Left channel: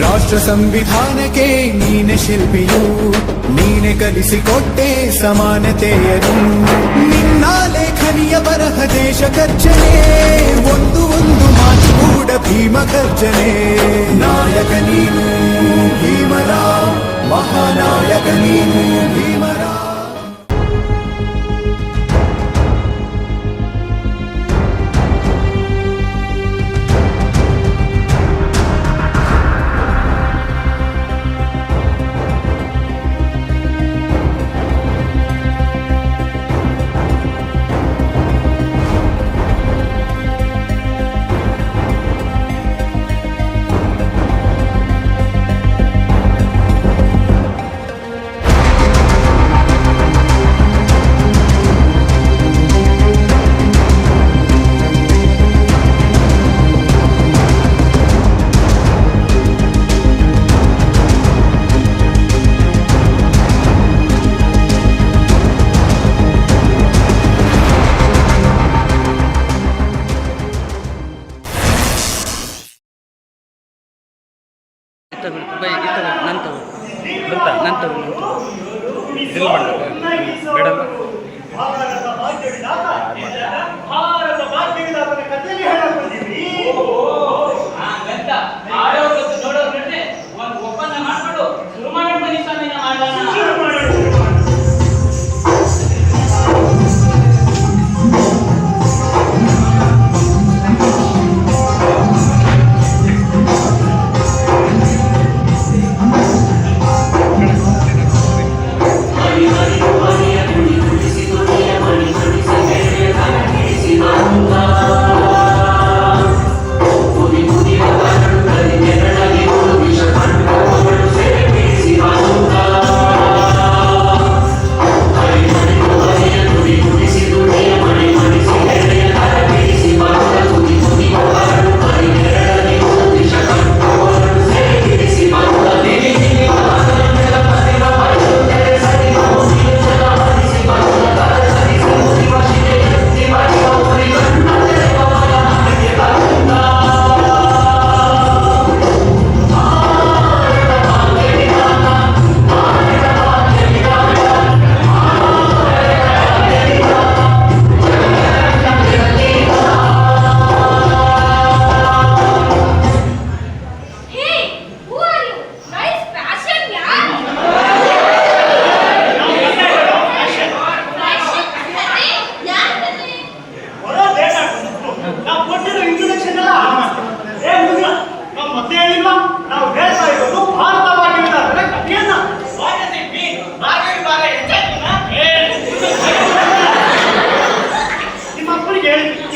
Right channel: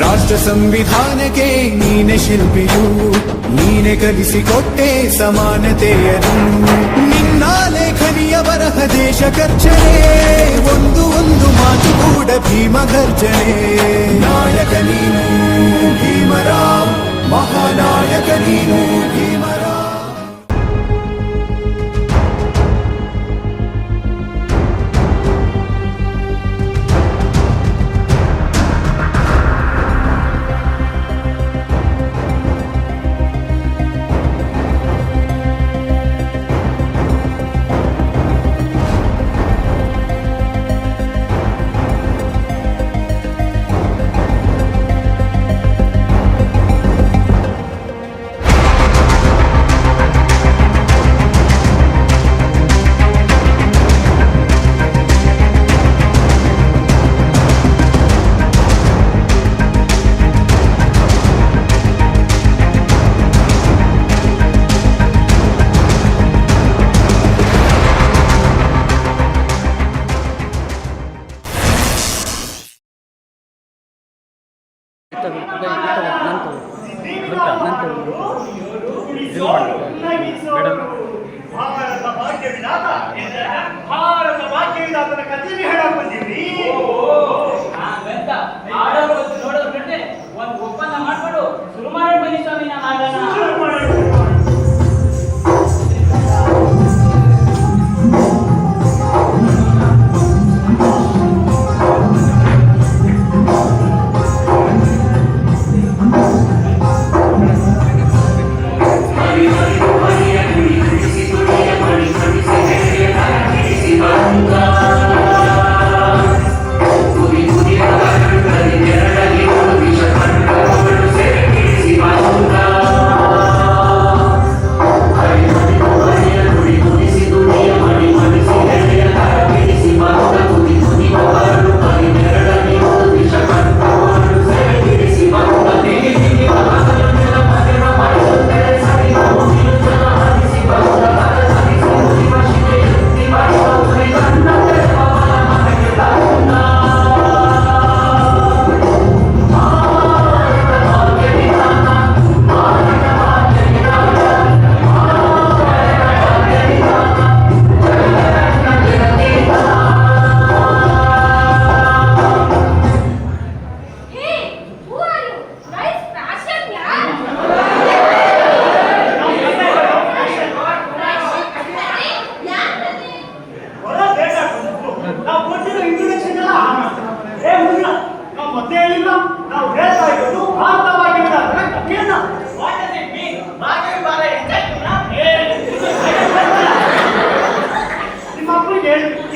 ರಾಷ್ಟ್ರ ಸಂವಿಧಾನಕ್ಕೆ ನೀನೆ ಶಿಲ್ಪಿಯು, ನೀನೆ ಕಲಿಸಿಕೊಟ್ಟೆ ಸಮಾನತೆಯನ್ನು. ನಿನ್ನ ಲೇಖನಿಯ ಬರಹ ದೇಶ ಖರ್ಚನೆ, ಒಂದು ಮಾತು ಕೂಡ ಭೀಮ ಗರ್ಜನೆ. ನಾಯಕ ನೀನು ಭೀಮರ, ಮಹಾನಾಯಕ ನೀನು ಭೀಮರ. ಭಾರತ ಭಾಗ್ಯ ವಿಧಾತನ ಕಥೆಯಲ್ಲಿ ಹೇಳಕ್ ಬಂದಿವಿ. ನೋಡೋರು ಒಂದು ಒಪ್ಪಂದ ಮಾಡ್ಕೊಂಡು ಶುರು ಮಾಡೋಣ ಬನ್ನಿ ಸ್ವಾಮಿ.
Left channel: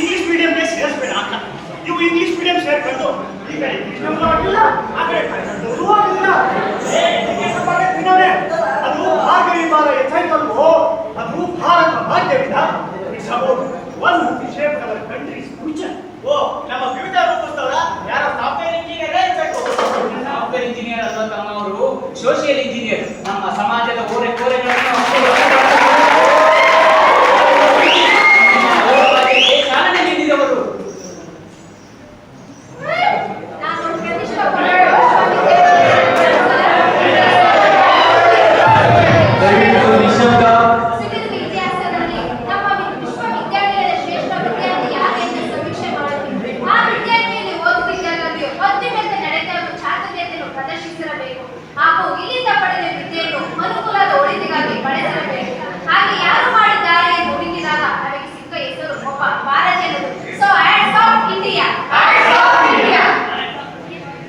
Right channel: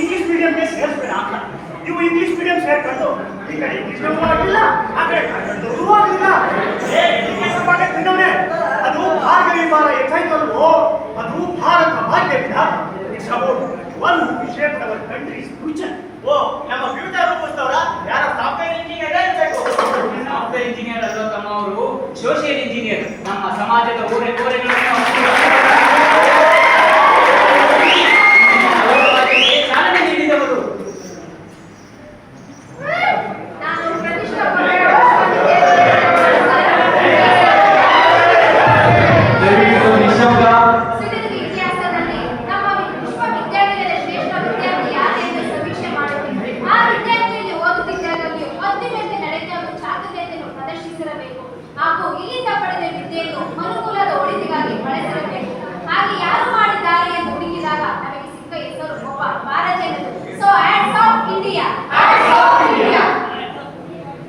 ಇಂಗ್ಲಿಷ್ ಮೀಡಿಯಂಗೆ ಸೇರಿಸ್ಬೇಡ ಅಂತ. ನೀವು ಇಂಗ್ಲಿಷ್ ಮೀಡಿಯಂ ಸೇರ್ಕೊಂಡು ಈಗ ಇಂಗ್ಲಿಷ್ ಆಗಿಲ್ಲ, ಆ ಕಡೆ ಶುರುವಾಗಿಲ್ಲ. ಅದು ಭಾರ್ಗವಿ ಬಾರ ಹೆಚ್ಚಾಯ್ತಲ್ವೋ, ಅದು ಭಾರತ ಭಾಗ್ಯ ವಿಧಾನ. It's about one shape our country's future. ಓ, ನಮ್ಮ ಫ್ಯೂಚರ್ ರೂಪಿಸ್ತವ್ರ ಯಾರೋ ಸಾಫ್ಟ್ವೇರ್ ಇಂಜಿನಿಯರ್ ಇರಬೇಕು. ಸಾಫ್ಟ್ವೇರ್ ಇಂಜಿನಿಯರ್ ಅಲ್ವಾ ತಮ್ಮ ಅವರು, ಸೋಷಿಯಲ್ ಇಂಜಿನಿಯರ್. ನಮ್ಮ ಸಮಾಜದ ಕೋರೆಗಳನ್ನು ಚಾಲನೆ ನೀಡಿದವರು. ಹಾಗೂ ಇಲ್ಲಿಂದ ಪಡೆದ ವಿದ್ಯೆಯನ್ನು ಮನುಕುಲದ ಒಳಿತಿಗಾಗಿ ಬಳಸಬೇಕು. ಹಾಗೆ ಯಾರು ಮಾಡಿದ್ದಾರೆ ಎಂದು ಹುಡುಕಿದಾಗ ನಮಗೆ ಸಿಕ್ಕ ಹೆಸರು ಒಬ್ಬ ಭಾರತೀಯರು. So hands of India, hands of India.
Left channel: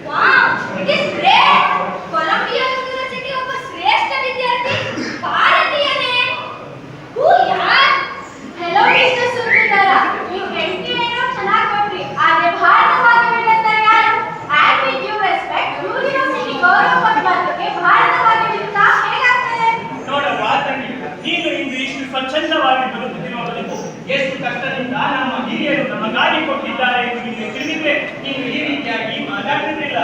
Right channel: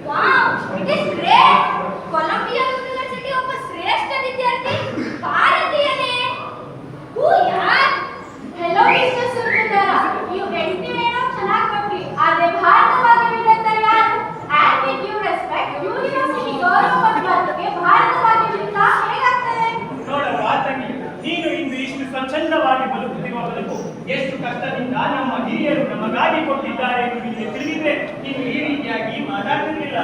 Wow, it is great. Columbia university ಒಬ್ಬ ಶ್ರೇಷ್ಠ ವಿದ್ಯಾರ್ಥಿ ಭಾರತೀಯನೇ. ಹೂ ಯಾರ್? ಹೆಲೋ ಮಿಸ್ಟರ್ ಸುಂದರ, ನೀವು ಟೆಂಟಿ ಏನೋ ಚೆನ್ನಾಗಿ ಕೊಟ್ರಿ, ಆದರೆ ಭಾರತವಾದ ವಿದ್ಯಾರ್ಥಿ ಯಾರು? And with due respect, university ಗೌರವ ಪಡೆದವರಿಗೆ ಭಾರತವಾದ ವಿದ್ಯಾರ್ಥಿ ಹೇಗಾಗ್ತದೆ? ನೋಡವ್ವ ತಂಗಿ, ನೀನು ಇಂದು ಇಷ್ಟು ಸ್ವಚ್ಛಂದವಾಗಿ ಬದುಕುತ್ತಿರುವ ಬದುಕು ಎಷ್ಟು ಕಷ್ಟದಿಂದ ನಮ್ಮ ಹಿರಿಯರು ನಮಗಾಗಿ ಕೊಟ್ಟಿದ್ದಾರೆ ಎಂದು ನಿಮಗೆ ತಿಳಿದಿದ್ರೆ ನೀನು ಈ ರೀತಿಯಾಗಿ ಮಾತಾಡ್ತಿರ್ಲಿಲ್ಲ.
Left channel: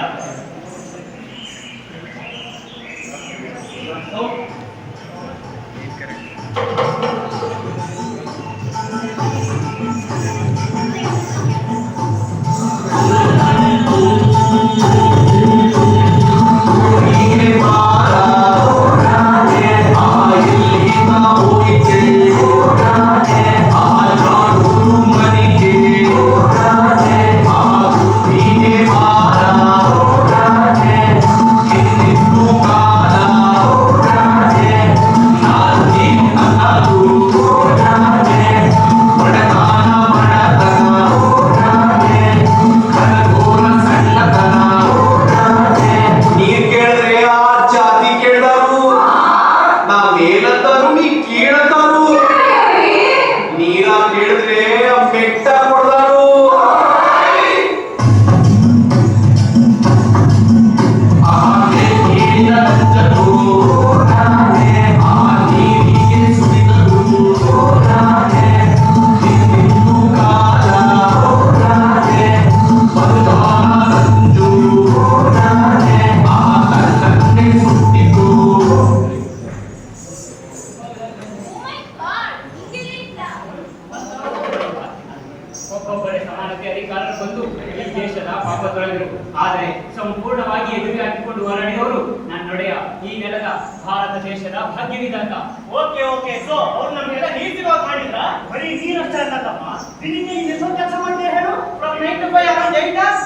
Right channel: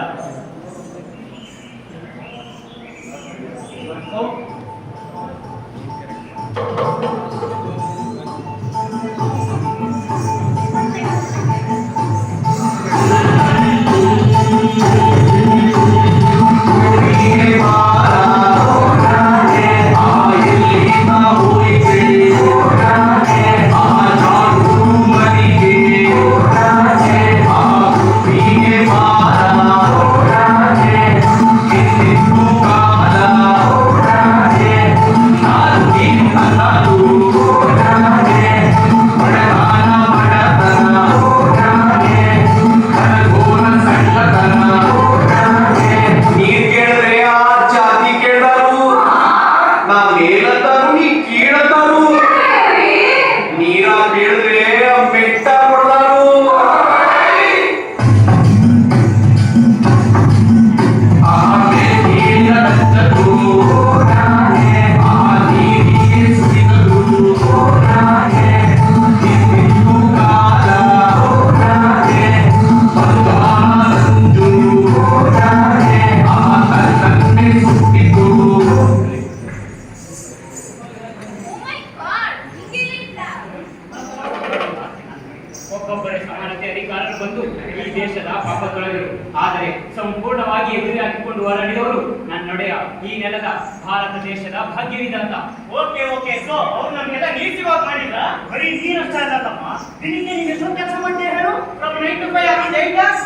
ಸಂಪೂರ್ಣವಾಗಿ ಎದುರು ಹಾಕಿಕೊಂಡು ಹೋರಾಡಿದವರು ನನ್ನೊಡೆಯ ಈ ನೆಲದ ಭಾರತ ದೇಶದ ಭಾಗ್ಯವಿಧಾತ. ಓಕೆ ಓಕೆ, ಸೊ ಅವ್ರು ನಮ್ಗೆಲ್ಲ ನೀರ್ ಸಿಗೋಕ್ ಮಾಡಿದ್ರ? ಬರೀ ನೀರಷ್ಟೇ ಅಲ್ಲ ತಮ್ಮ, ದಿನಕ್ಕೆ ನೀನು ಎಷ್ಟೊಂದು ಕೆಲಸ ಮಾಡ್ತೀಯ ಹೇಳು? From 9 to 5 around 8 hours?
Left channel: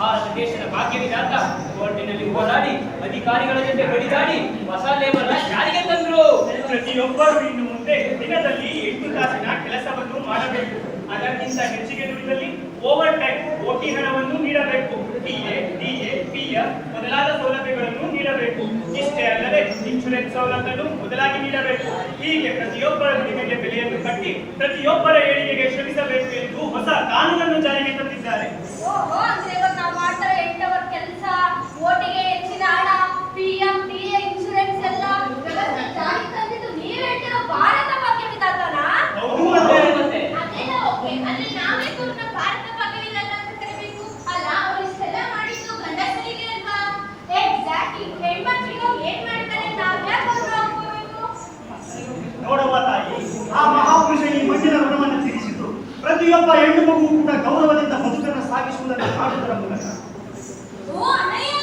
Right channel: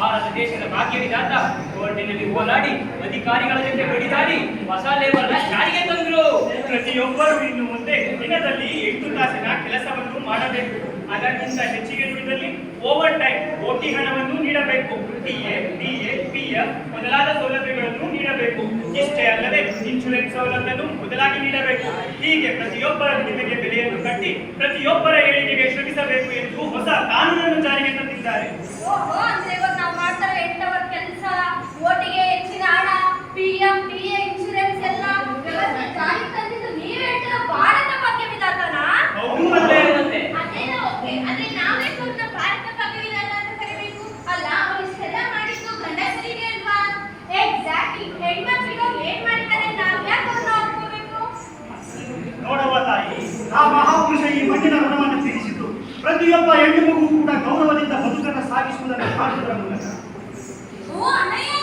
Bharat ದೇಶದ ಭಾಗ್ಯವಿಧಾತ ಕೋರ್ಟಿನಲ್ಲಿ ಹೋರಾಡಿ ಅಧಿಕಾರಿಗಳ ಜೊತೆ ಬಡಿದಾಡಿ ಹೊಸ ಲೇಬರ್ ಜಾರಿಗೆ ತಂದ್ರು. ಪ್ರತಿಯೊಬ್ಬರು ಇನ್ನು ಮುಂದೆ ದಿನದಲ್ಲಿ 8 ತಾಸಿನ ಕೆಲಸವನ್ನು ಮಾಡಬೇಕು. ಅದಕ್ಕಿಂತ ಹೆಚ್ಚಿಗೆ ದುಡಿದಲ್ಲಿ ಓವರ್ ಟೈಮ್ ಓಟಿ ಹಣವನ್ನು ನೀಡಬೇಕು. ಟಿಎ, ಡಿಎ, ಪಿಎಫ್ ಮೊದಲಾದ ಸೌಲಭ್ಯಗಳನ್ನು ನೀಡಬೇಕು. ಇಷ್ಟೇ ಅಲ್ಲದೆ ಇನ್ಶೂರೆನ್ಸ್ ಸೌಲಭ್ಯವನ್ನು ಮೊದಲಾಗಿ ನೀಡಬೇಕು. ಹೀಗೆ ಪ್ರತಿಯೊಬ್ಬರ ದುಡಿಮೆಗೆ ಬೆಲೆಯನ್ನು ಕಟ್ಟಿ ಪ್ರತಿಯೊಬ್ಬರ ಏಳಿಗೆಗೆ ಶ್ರಮಿಸಬೇಕು ಎಂದು ಹೊಸ ಕಾನೂನನ್ನು ಜಾರಿಗೆ ತಂದಿದ್ದಾರೆ. ನಾವು ಮಾಡ್ತಾರೆ 8 ಅವರ್ ಕೆಲಸ, ಓಟಿಗೆ ಹೆಚ್ಚಿನ ಹಣ, ಪಿಎಫ್, ಡಿಎ, ಇನ್ಶೂರೆನ್ಸ್ ಎಲ್ಲ ವ್ಯವಸ್ಥೆ ಜಾರಿಗೆ ತಂದಿದ್ದು ನೀವೇ ಹೇಳ್ತಿರೋ ಭಾರತ ಭಾಗ್ಯವಿಧಾತನಾ? ಹೌದು ಮತ್ತೆ ಅದೇನೋ ಓಕೆ, ಅಲ್ಲಿ ನಾವೇ ಪೂರ್ಣ ಭಾರತ ಭಾಗ್ಯವಿಧಾತ ಅಂತ ಕರೀಬೇಕು ಅಲ್ಲ? ಅವ್ರು ಇಷ್ಟೆಲ್ಲ ಮಾಡಿದ್ದು ಗಂಡಸರಿಗೆ ಅಲ್ವಾ? ಎಕ್ಸಾಕ್ಟ್ಲಿ, ಹೆಣ್ಮಕ್ಳಿಗೆ ಏನ್ ಮಾಡ್ತಾರೆ ನಾವ್ ಯಾಕೆ ಅವ್ರನ್ನ ಒಪ್ಕೋಬೇಕು? ನೋಡುವ ತಾಯಿ, ಆ ಮಹಾಪುರುಷ ಈ ಮಣ್ಣಿನ ಋಣವನ್ನು ತೀರಿಸಿದ್ದು ಪ್ರತಿಯೊಬ್ಬ ಹೆಣ್ಣು ಮಗು ಕೂಡ ಗೌರವದಿಂದ ಬದುಕನ್ನು ಸಾಗಿಸುವುದನ್ನು ಮಾಡುವುದರ ಮೂಲಕ. ಓ ಅಣ್ಣಯ್ಯ,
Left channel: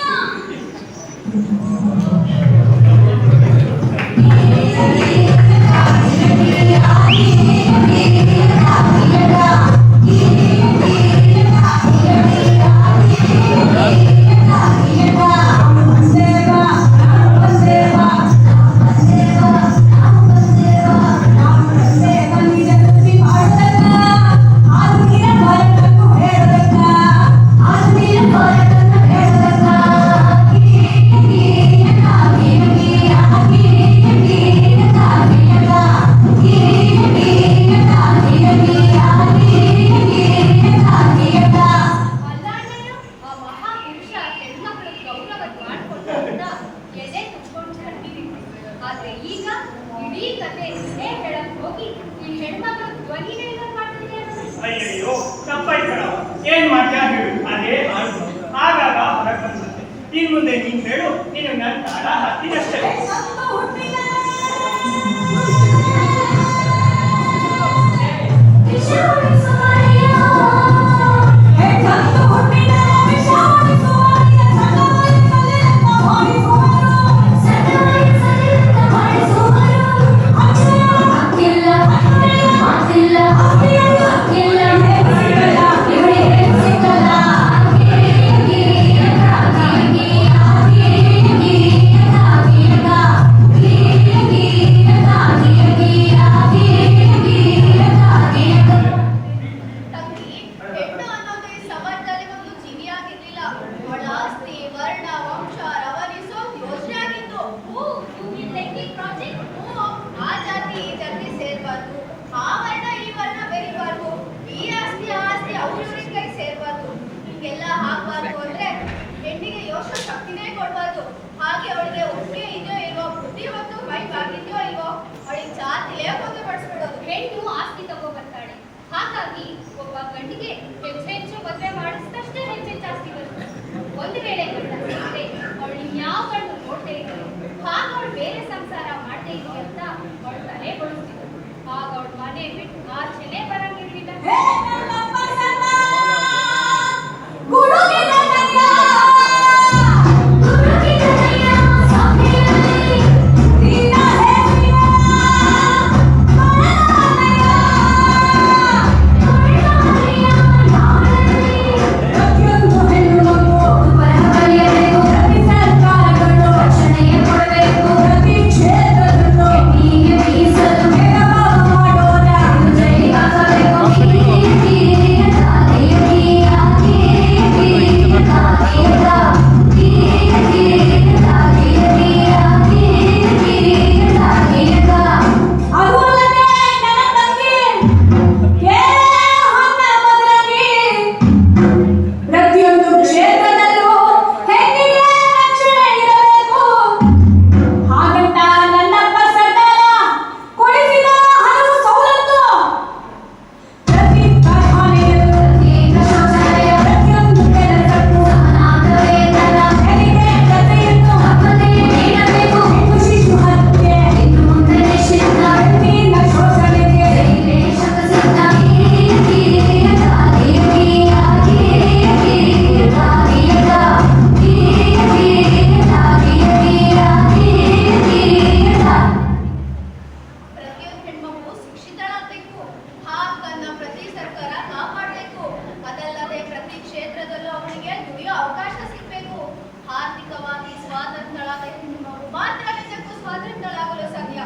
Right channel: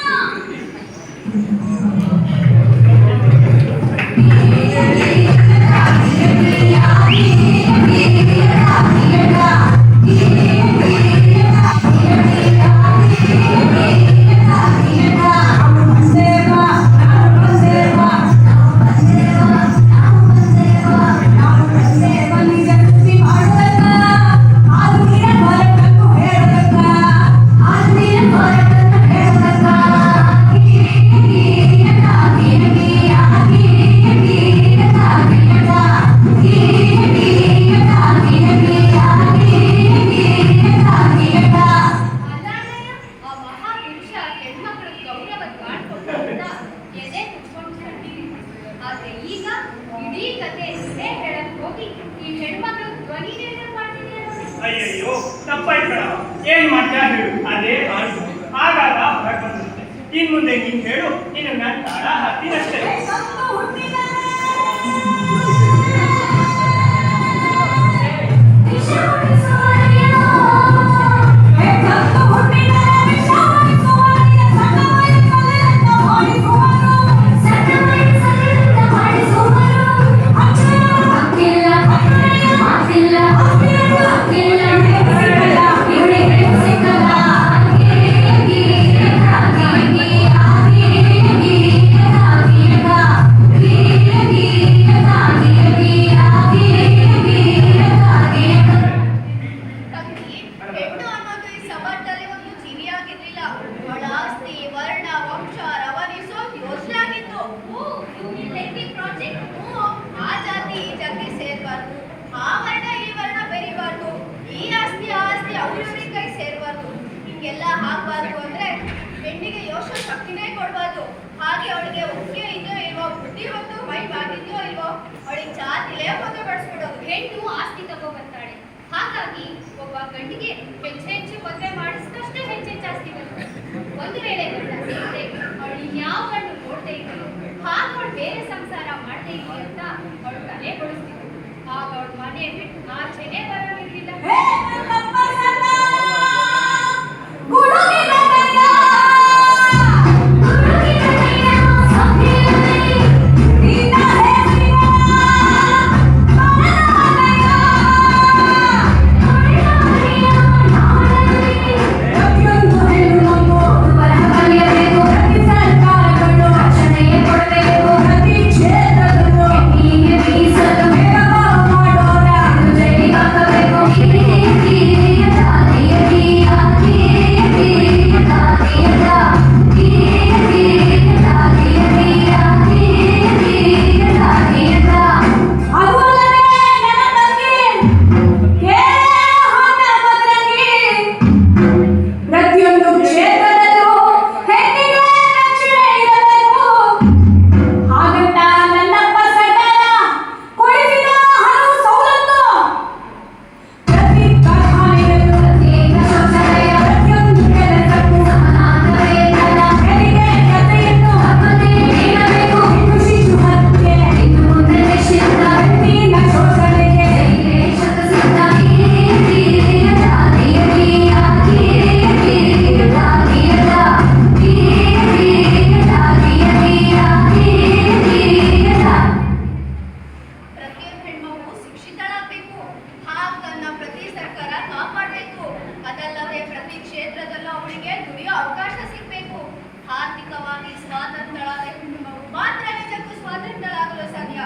ಅಯ್ಯಯ್ಯೋ ತಪ್ಪಾಯ್ತು ಕಣವ. ಏನ್ ಮಾಡ್ತೀಯ ಹೇಳು, ಅದೇ ಆಯ್ತು. ಆಗಾಗ ಹೊರಗೆ ಬಂದಿರುತ್ತೆ. ಇನ್ ಮುಂದೆ ನೀನ್ ಹೇಳು, ನೀನು ನನ್ನ ತಾಳ ಹತ್ತಿನಷ್ಟೇ. ಹಾಗಾಗಿ ಅವಳಿಗೆ ಒಪ್ಪಿಗೆ ಇದೆಯೋ ಇಲ್ವೋ, ಬುದ್ಧಿ ಮತ್ತು ಮೈ ಬಾಗಿದೆಯೋ ಇಲ್ವೋ, ಅವಳಿಗೆ ಜಾತಿಲೇ ಮದುವೆ ಪಡಿಸ್ಬಿಡೋದು. ಹೆಣ್ಣು ಆಸ್ತಿ ತಗೋ ಬರ್ತಾಳೆ. ಹಾಗಾಗಿ ಒಬ್ಬ ಗಂಡಿಗೆ ಹೆಚ್ಚು ಮದುವೆ ಮಾಡಿಸಿದಷ್ಟೇ ಹೆಚ್ಚು ಆಸ್ತಿ ಬರುತ್ತೆ. ಒಂದು ವೇಳೆ ಗಂಡ ಸಿಗದೆ ಅವಳು ಇನ್ಯಾವ ಗಂಡು ನೋಡ್ತಾ ಇರಲಿ, ಆಗ ಅವಳು ಬೇರೆ ಸಂಸಾರ ಮಾಡ್ತಾ ಇರಲಿ ಅಂತ ಅವಳು ತಲೆ ಕೊಡಿಸ್ತಿದ್ಳು. ಆಗ ಅವಳು ಮನೆ ಬಿಟ್ಟು ಆಚೆನೆ ಬರಂಗಿರ್ಲಿಲ್ಲ. ಆರ್ಥಿಕವಾಗಿ ಸ್ವಾತಂತ್ರ್ಯಳಾದ ಹೆಣ್ಣು ಮಾತ್ರ ನಿಜಕ್ಕೂ ಸ್ವಾತಂತ್ರ್ಯಳಾಗಲು ಸಾಧ್ಯ.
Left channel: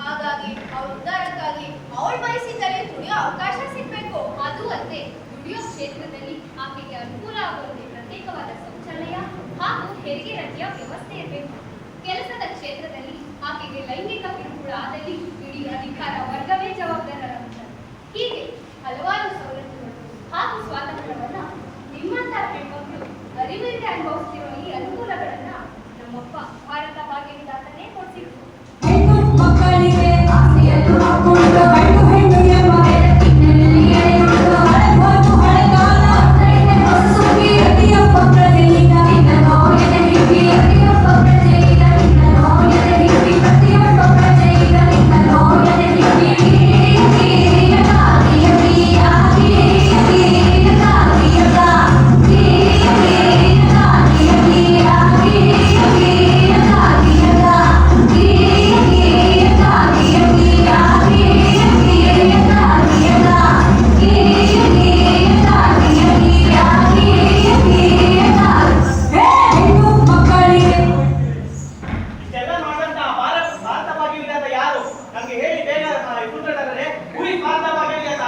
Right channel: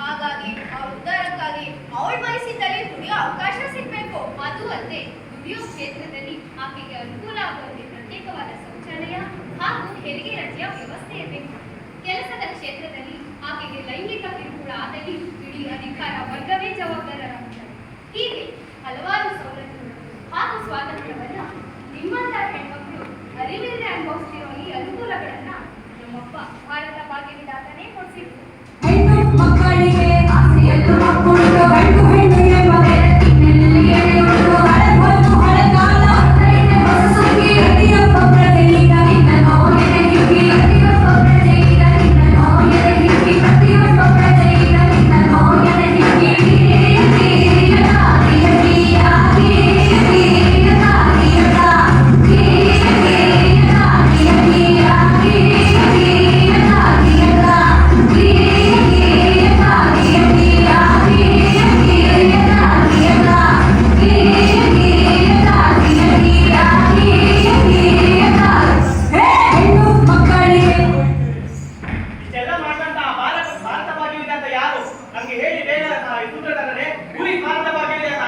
ಹಾಗಾಗಿ ಅವಳ ಉದ್ಧಾರಕ್ಕಾಗಿ ಅವಳು ಬಯಸಿದ್ದಲ್ಲಿ ದುಡಿಯೋ ಅವಕಾಶ ಸಿಗಬೇಕು. ಅದು ಅಲ್ಲದೆ ದುಡಿಯೋ ಕ್ಷೇತ್ರದಲ್ಲಿ ಆಕೆಗೆ ಅನುಕೂಲ ಆಗುವಂತೆ ಪ್ರತ್ಯೇಕವಾದ ಶೌಚಾಲಯ ಹಾಗೂ ಹೆರಿಗೆ ರಜೆಯ ವ್ಯವಸ್ಥೆ ಇರಬೇಕು. ಕೆಲಸದ ಕ್ಷೇತ್ರದಲ್ಲಿ ಆಕೆಗೆ ಲೈಂಗಿಕ ಕಿರುಕುಳ ಆದಲ್ಲಿ ಇಡೀ ಅಧಿಕಾರ ವರ್ಗವೇ ಜವಾಬ್ದಾರರಾಗುತ್ತಾರೆ. ಹೀಗೆ ಹಲವಾರು ಸವಲತ್ತುಗಳು ಹಾಗೂ ಸ್ವಾತಂತ್ರ್ಯವನ್ನ ನಿಮ್ಮಂತ ಹೆಣ್ಮಕ್ಳು ಅರಿವಿಲ್ಲದೆ ಅನುಭವಿಸ್ತಿರೋ ಈ ಅನುಕೂಲಗಳನ್ನ ನಮ್ಮಪ್ಪ ಭಾರತ ಭಾಗ್ಯ ವಿಧಾತನೇ ಕೊಡಿಸಿದ್ರು. ಹೆಣ್ಣು ಮಕ್ಕಳಿಗೆ ಆಸೆಯನ್ನು ಹಾಕೊಂಡು ಗಂಡು ಹೆಣ್ಣು ಎಂಬ ಬೆಳಕಿನಲ್ಲಿ ಎಳೆಯುವುದು ಹಳಬಾರು ಹಳಗಾಲ ಸುಗ್ಗಿ ಪ್ರತಿಯೊಬ್ಬ ಪ್ರಜೆಯಿಂದ ನಿನ್ನ ನೋವಿನ ಹಿಗ್ಗಿ ಪ್ರತಿಯೊಬ್ಬ ಪ್ರಜೆಯಿಂದ ನಿನ್ನ ನೋವಿನ ಹಿಗ್ಗಿ ಪ್ರತಿಯೊಬ್ಬ ಪ್ರಜೆಯಿಂದ ನಿನ್ನ ನೋವಿನ ಹಿಗ್ಗಿ ಇದೆಲ್ಲ ಮಾಡಿದಂತ ಭಾರತ ಭಾಗ್ಯ ವಿಧಾತ ಯಾರು ನಮ್ಗೆ ಹೇಳಿ ಬೇಗ ಸೂತ್ರಧಾರರೇ. ಊರಿಗೆ ಭಾರತ ಭಾಗ್ಯ ವಿಧಾತ